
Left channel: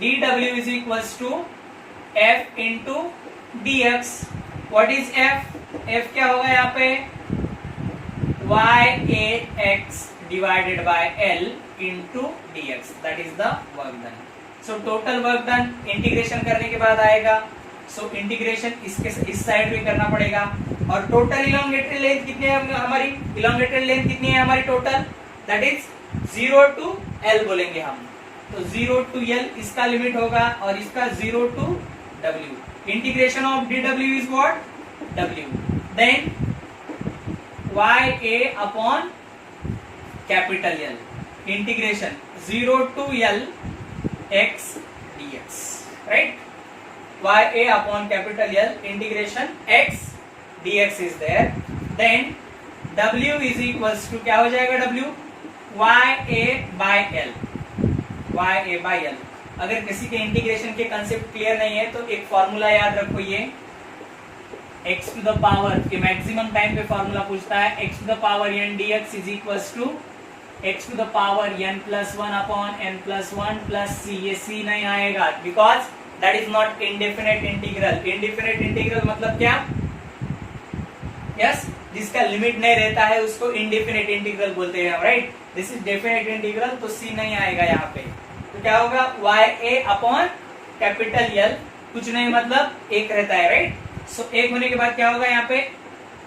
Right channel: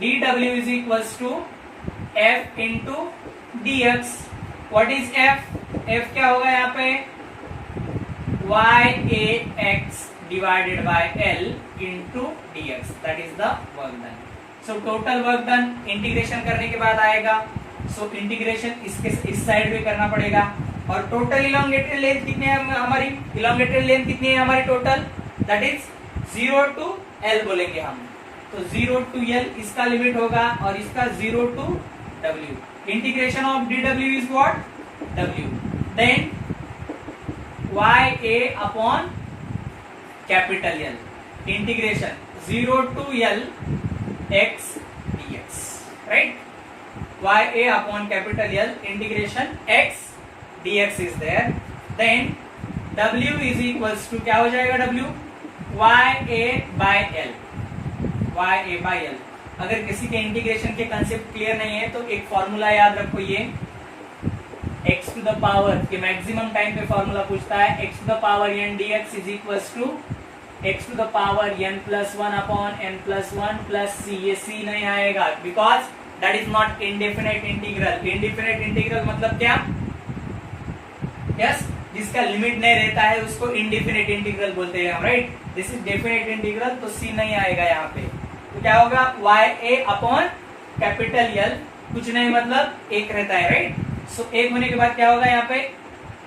dw is equals to f into dx. What is f? f क्या होगा यहाँ पे? y a x divided by L into dx. That is the work done. So total work done integration करने के बाद आएगा. So इंटीग्रेशन इसके इस साइड भी करना पड़ेगा. और टोटल इलोंगेटेड लेंथ कितनी है हमारी? इलोंगेटेड लेंथ कितनी है हमारी total? That is 0 to L बोलेंगे हम. तो 0 to L इसका लिमिट होगा और इसका 0 to W. Integration of dw is what? W. Then y a upon capital L. Integration 0 to L x dx. Right? y a upon capital L integration x dx is there. Then w is equals to क्या हो जाएगा w? y a by L. y a by L. अगर किसी के इंटीग्रेशन के concept clear नहीं है तो एक फॉर्मूला याद रखो, ये x to the power के मैक्सिमम टाइम पे फॉर्मूला पूछता है. x to the power n dx is equals to x to the power n plus 1 upon n plus 1 plus c. ये c नहीं आएगा because that is not indefinite integral. indefinite integral मतलब क्या? yes, जिसका लिमिट नहीं रहता है उसको indefinite integral बोलते हैं हम, right? This is definite integral, तो c नहीं आएगा यहाँ पे. तो क्या होगा? y a upon capital L, कुछ नहीं मतलब एक रहता है, राइट? सो एक होने के बाद क्या होगा यहाँ पे?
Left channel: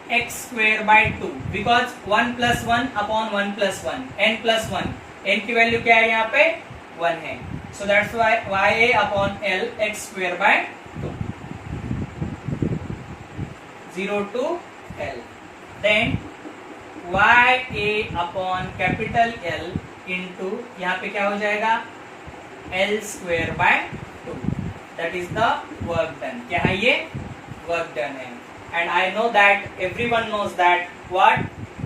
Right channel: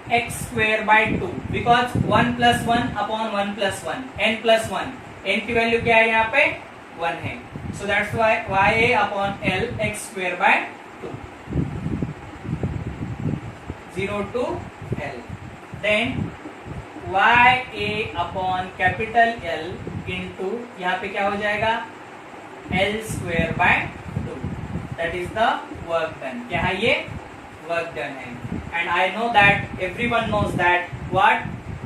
x square by 2 because 1 plus 1 upon 1 plus 1 n plus 1 n की वैल्यू क्या है यहाँ पे 1 है so that's why ya upon l x square by 2 0 to l then ya upon capital L into यहाँ पे क्या हो जाएगा L square by 2 that is the work done क्या है ये work done है and I know that everyone knows that what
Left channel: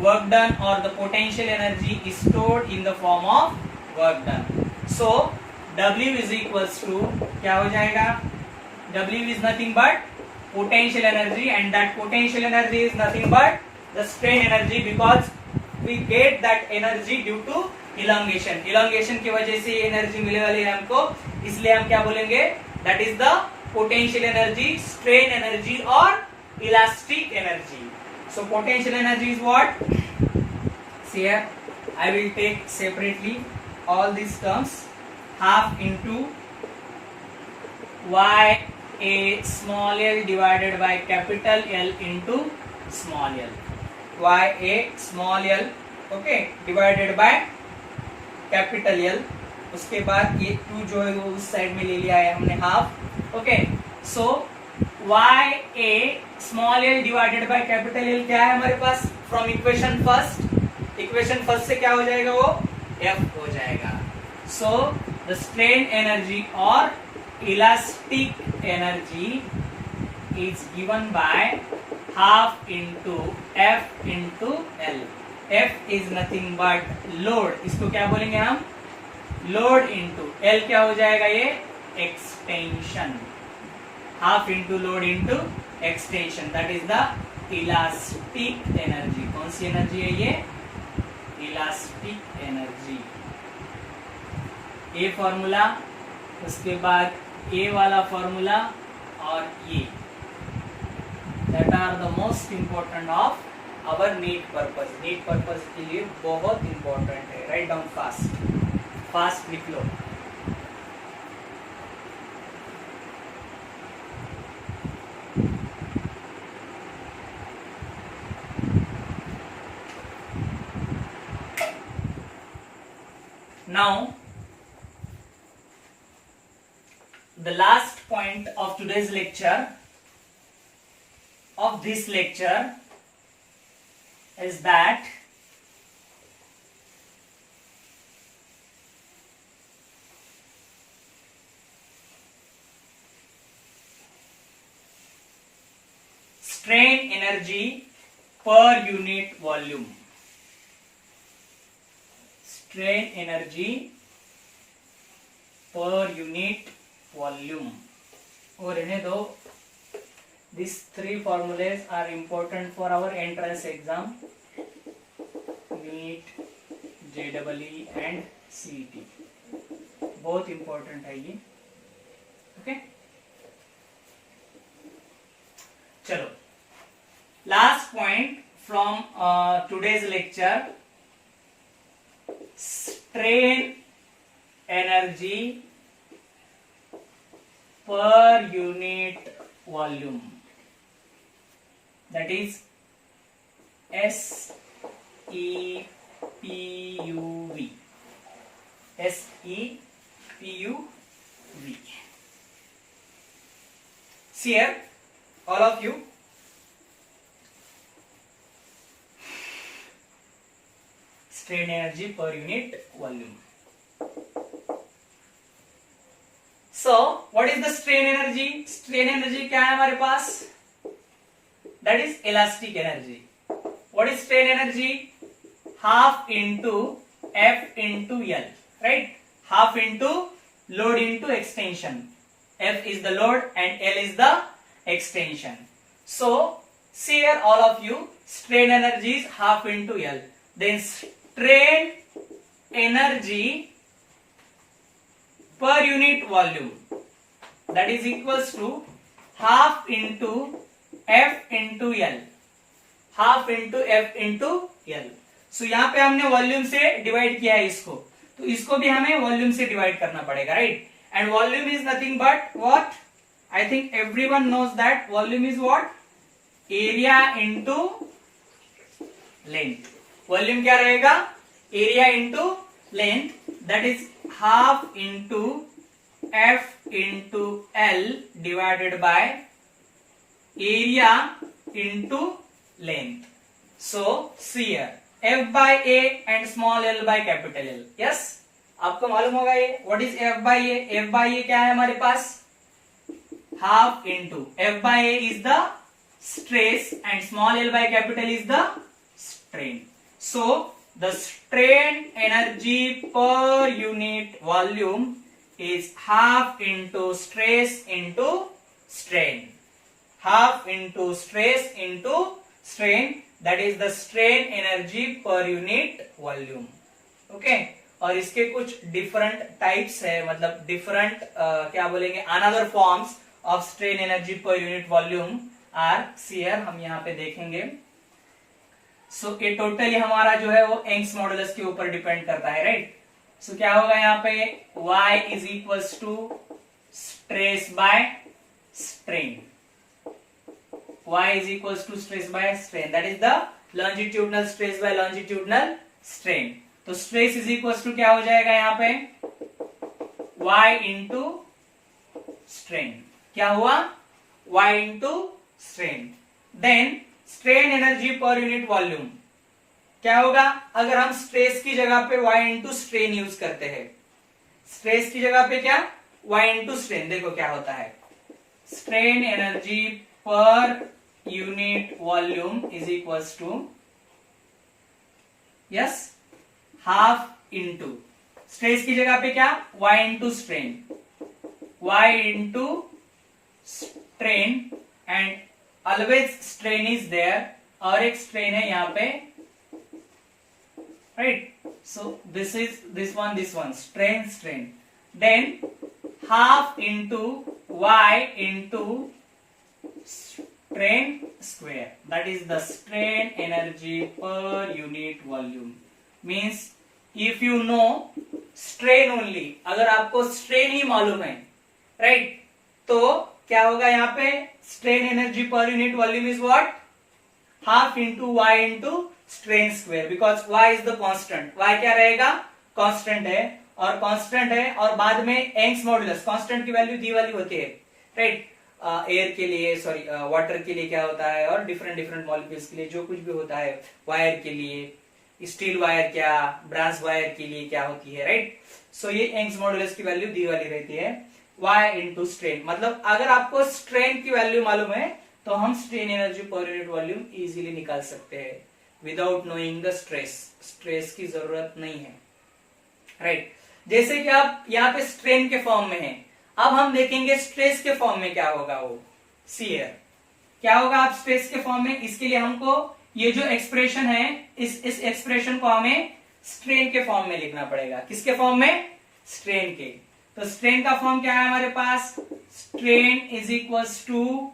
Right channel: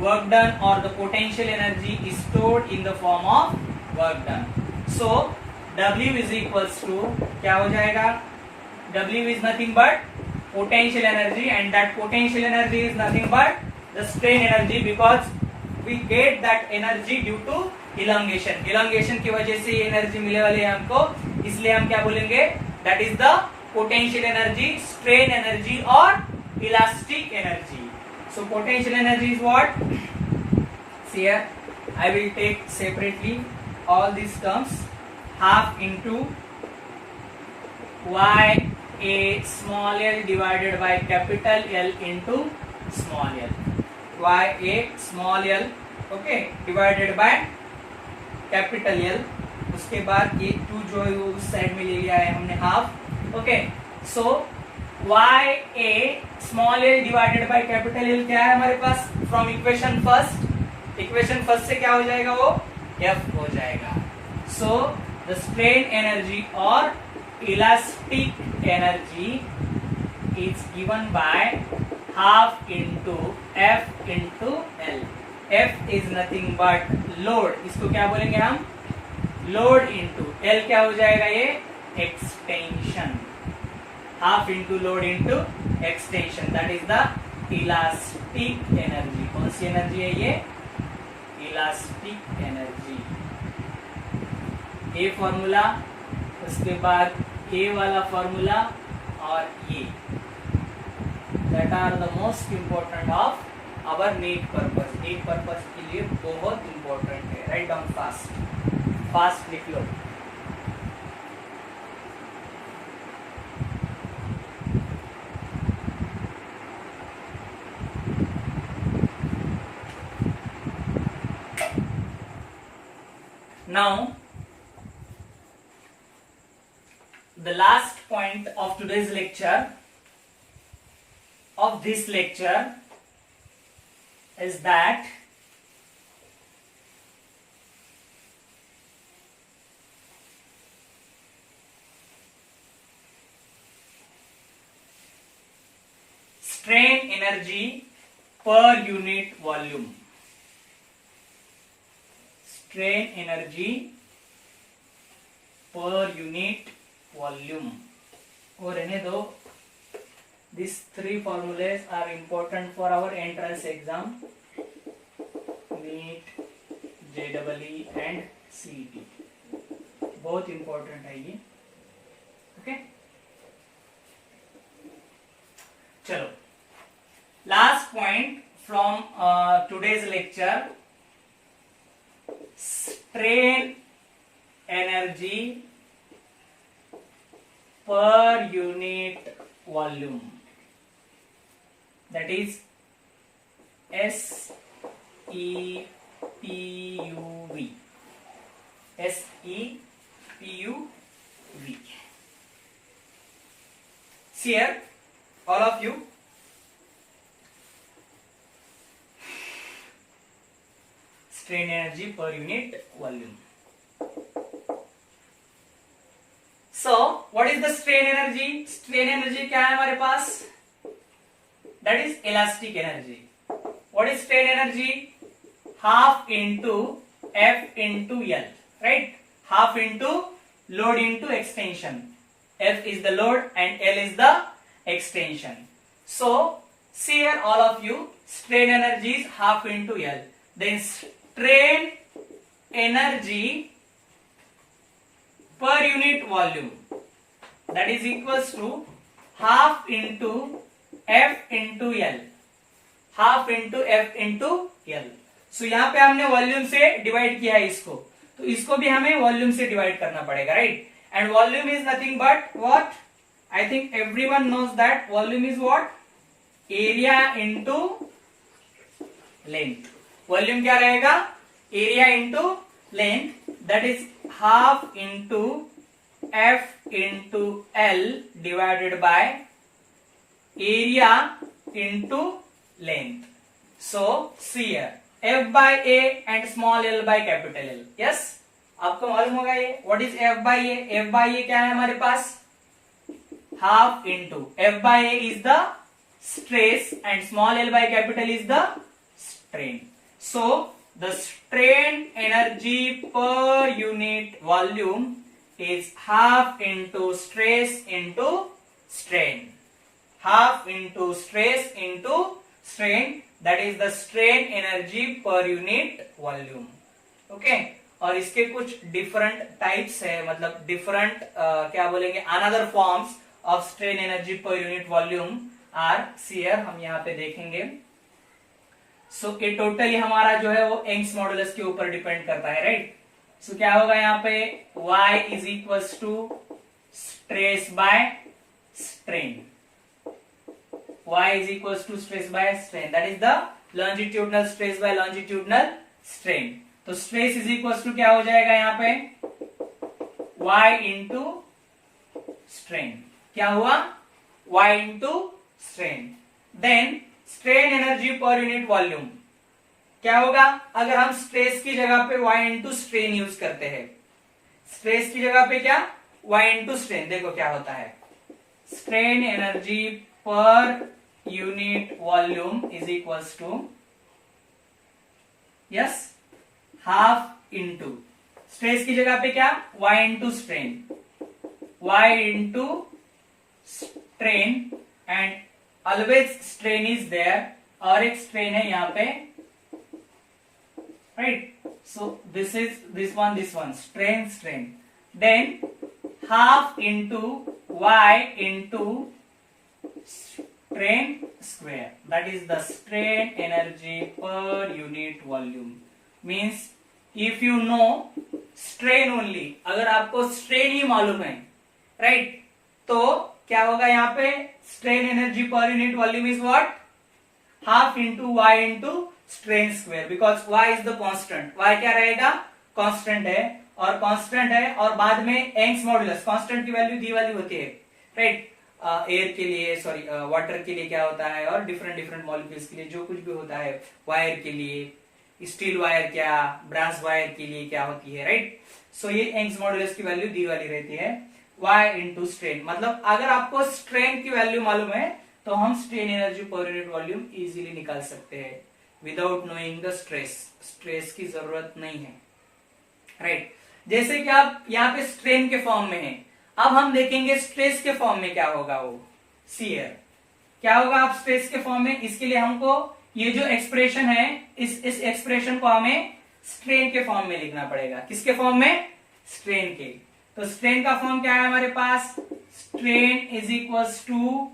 work done or the potential energy is stored in the form of work done so W is equals to क्या हो जाएगा W is nothing but potential energy and that potential energy is nothing but the strain energy because we get that energy due to elongation की वजह से ये एनर्जी मिले वाली है हमको इसलिए हम क्या बोलेंगे that is the potential energy strain energy or elastic energy so potential energy is what see here I will take separately all these terms half into y a small l divided by capital L into small l y a small l okay divided by capital L उसके बाद ये 2 जो है वो उस साइड में ले लिया है हमने half okay so Y A small l divided by capital L क्या है हमारे पास फ्रॉम इक्वेशन फर्स्ट से क्या हो जाएगा वो एफ हो जाएगा सो द स्ट्रेन एनर्जी और elastic energy is given by half into F into L F is nothing but load इसको क्या बोलेंगे हम लोड इंटू L क्या हो जाएगा ये extension half into load into extension that is the elastic energy कौन सी एनर्जी है ये इलास्टिक एनर्जी ए फॉर्मूला उसके बाद ए वाला फॉर्मूला और ये that are the most important of our NEET purpose के लिए बहुत इंपॉर्टेंट है राइट डाउन फास्ट लिख लो now the last point of today's lecture of this lecture is that strain energy per unit volume strain energy per unit volume और रहने दो These 3 formulas are important for our entrance exam, NEET, JEE and CET. बहुत important है ये, okay? चलो, last point from today's lecture, strain energy per unit volume. That is SEPUV. SEPUV. See here, all of you. Strain energy per unit volume. So, what is the strain energy? Strain energy क्या है हमारे पास? That is elastic energy. What is strain energy? Half into F into L, right? Half into load into extension. F is the load and L is the extension. So, see here all of you, strain energy is half into L. Then strain energy per unit volume, that is equals to half into F into L, half into F into L. सो यहाँ पे हमने वॉल्यूम से डिवाइड किया है इसको, तो इसको भी हमें वॉल्यूम से डिवाइड करना पड़ेगा, right? And volume is nothing but what? I think everyone knows that volume is what? Area into length. Volume क्या रहेगा? Area into length, that is half into F into L divided by area into length. So see here F by A and small L by capital L. Yes, आपको मालूम होगा ये what is F by A. F by A क्या है हमारे पास? Half into F by A is the stress and small L by capital is the strain. So the strain energy per unit volume is half into stress into strain. Half into stress into strain, that is the strain energy per unit volume. Okay? और इसके कुछ different types है, मतलब different क्या बोलेंगे, another forms of strain energy per unit volume are shear, हम यहाँ पे देखेंगे। सो ये टोटली हमारा जो है वो यंग्स मॉडुलस के ऊपर डिपेंड करता है, राइट। सो क्या होगा यहाँ पे y is equals to stress by strain. y is equals to stress by strain, that is the longitudinal stress by longitudinal strain. तो स्ट्रेस इज इक्वल्स टू क्या हो जाएगा यहाँ पे y इंटू स्ट्रेन। क्या हुआ? y into strain. Then strain energy per unit volume क्या होगा? अगर हम स्ट्रेस की जगह पे y इंटू स्ट्रेन यूज करते हैं, स्ट्रेस की जगह पे क्या y इंटू स्ट्रेन, देखो क्या होता है। Strain energy per unit volume is equals to, yes, half into stress की जगह पे क्या y into strain, y into strain and always strain is there, और एक स्ट्रेन है यहाँ पे, right. So this one strain strain, then half into y into strain square, that is the strain energy per unit volume. Means if you know strain only, अगर आपको स्ट्रेन ही मालूम है, राइट, तो क्या होगा यहाँ पे strain energy per unit volume is what? Half into y into strain square, because y is the constant. y क्या रहेगा? कांस्टेंट है, और कांस्टेंट है, और बाद में यंग्स मॉडुलस, कांस्टेंट की वैल्यू दी वाली होती है, राइट। एयर के लिए, सॉरी वाटर के लिए क्या होता है, और डिफरेंट डिफरेंट मॉलिक्यूल्स के लिए जो कुछ भी होता है, वायर के लिए स्टील वायर क्या, ब्रास वायर के लिए क्या होती है, राइट। सो ये यंग्स मॉडुलस की वैल्यू दी वाली रहती है, y इंटू स्ट्रेन। मतलब अगर आपको स्ट्रेन की वैल्यू मालूम है तो हम strain energy per unit volume easily निकाल सकते हैं without knowing the stress. Stress की जरूरत नहीं है, राइट। जैसे कि आप यहाँ पे स्ट्रेन के फॉर्म में है, अब हम देखेंगे स्ट्रेस के फॉर्म में क्या होगा। वो सीयर क्या होगा आप स्ट्रेस के फॉर्म में? इसके लिए हमको ये जो एक्सप्रेशन है, इस एक्सप्रेशन को हमें स्ट्रेन के फॉर्म में लिखना पड़ेगा। किसके फॉर्म में? स्ट्रेन के। तो स्ट्रेन का फॉर्म क्या है हमारे पास? Strain is equals to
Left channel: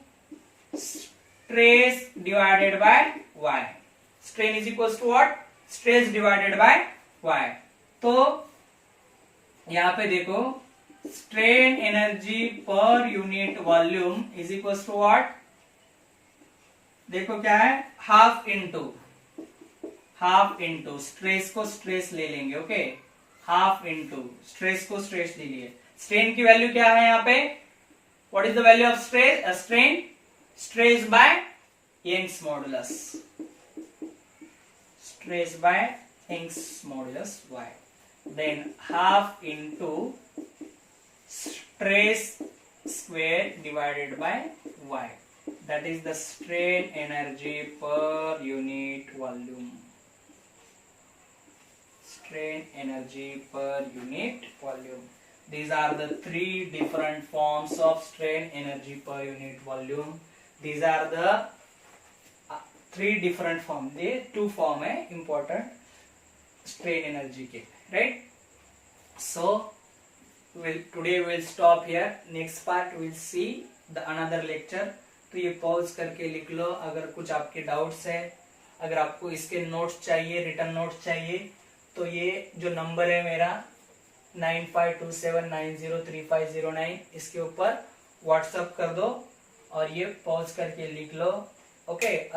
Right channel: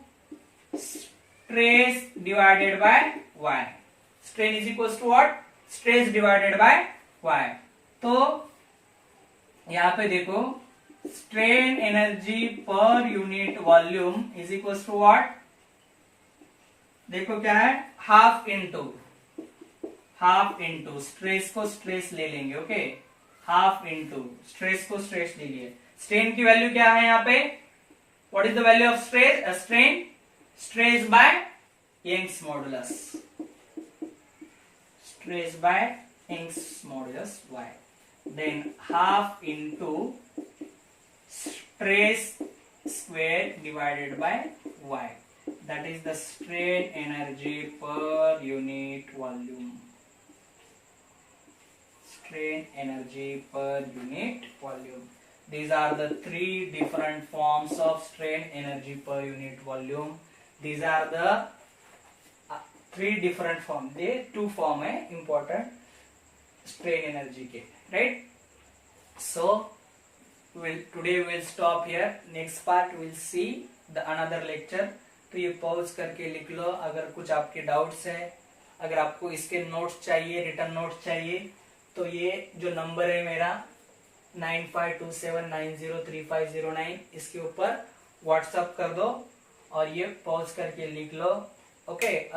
stress divided by y। Strain is equals to what? Stress divided by y। तो यहां पे देखो strain energy per unit volume is equals to what? देखो क्या है, हाफ इंटू स्ट्रेस को स्ट्रेस ले लेंगे, ओके, हाफ इंटू स्ट्रेस को स्ट्रेस ले लिए। स्ट्रेन की वैल्यू क्या है यहाँ पे? What is the value of stress? Strain stress by Young's modulus, stress by Young's modulus y, then half into stress square divided by y, that is the strain energy per unit volume. Strain energy per unit volume. These are the three different forms of strain energy per unit volume. These are the three different forms. ये two form है important strain energy के, right? So today we will stop here. Next part we will see the another lecture. तो ये पॉज करके लिख लो अगर कुछ आपके डाउट्स है। अगर आपको इसके नोट्स चाहिए, रिटर्न नोट्स चाहिए, तो ये जो नंबर है मेरा 9527903509, इसके ऊपर व्हाट्सएप कर दो और ये पॉज करके लिख लो Okay.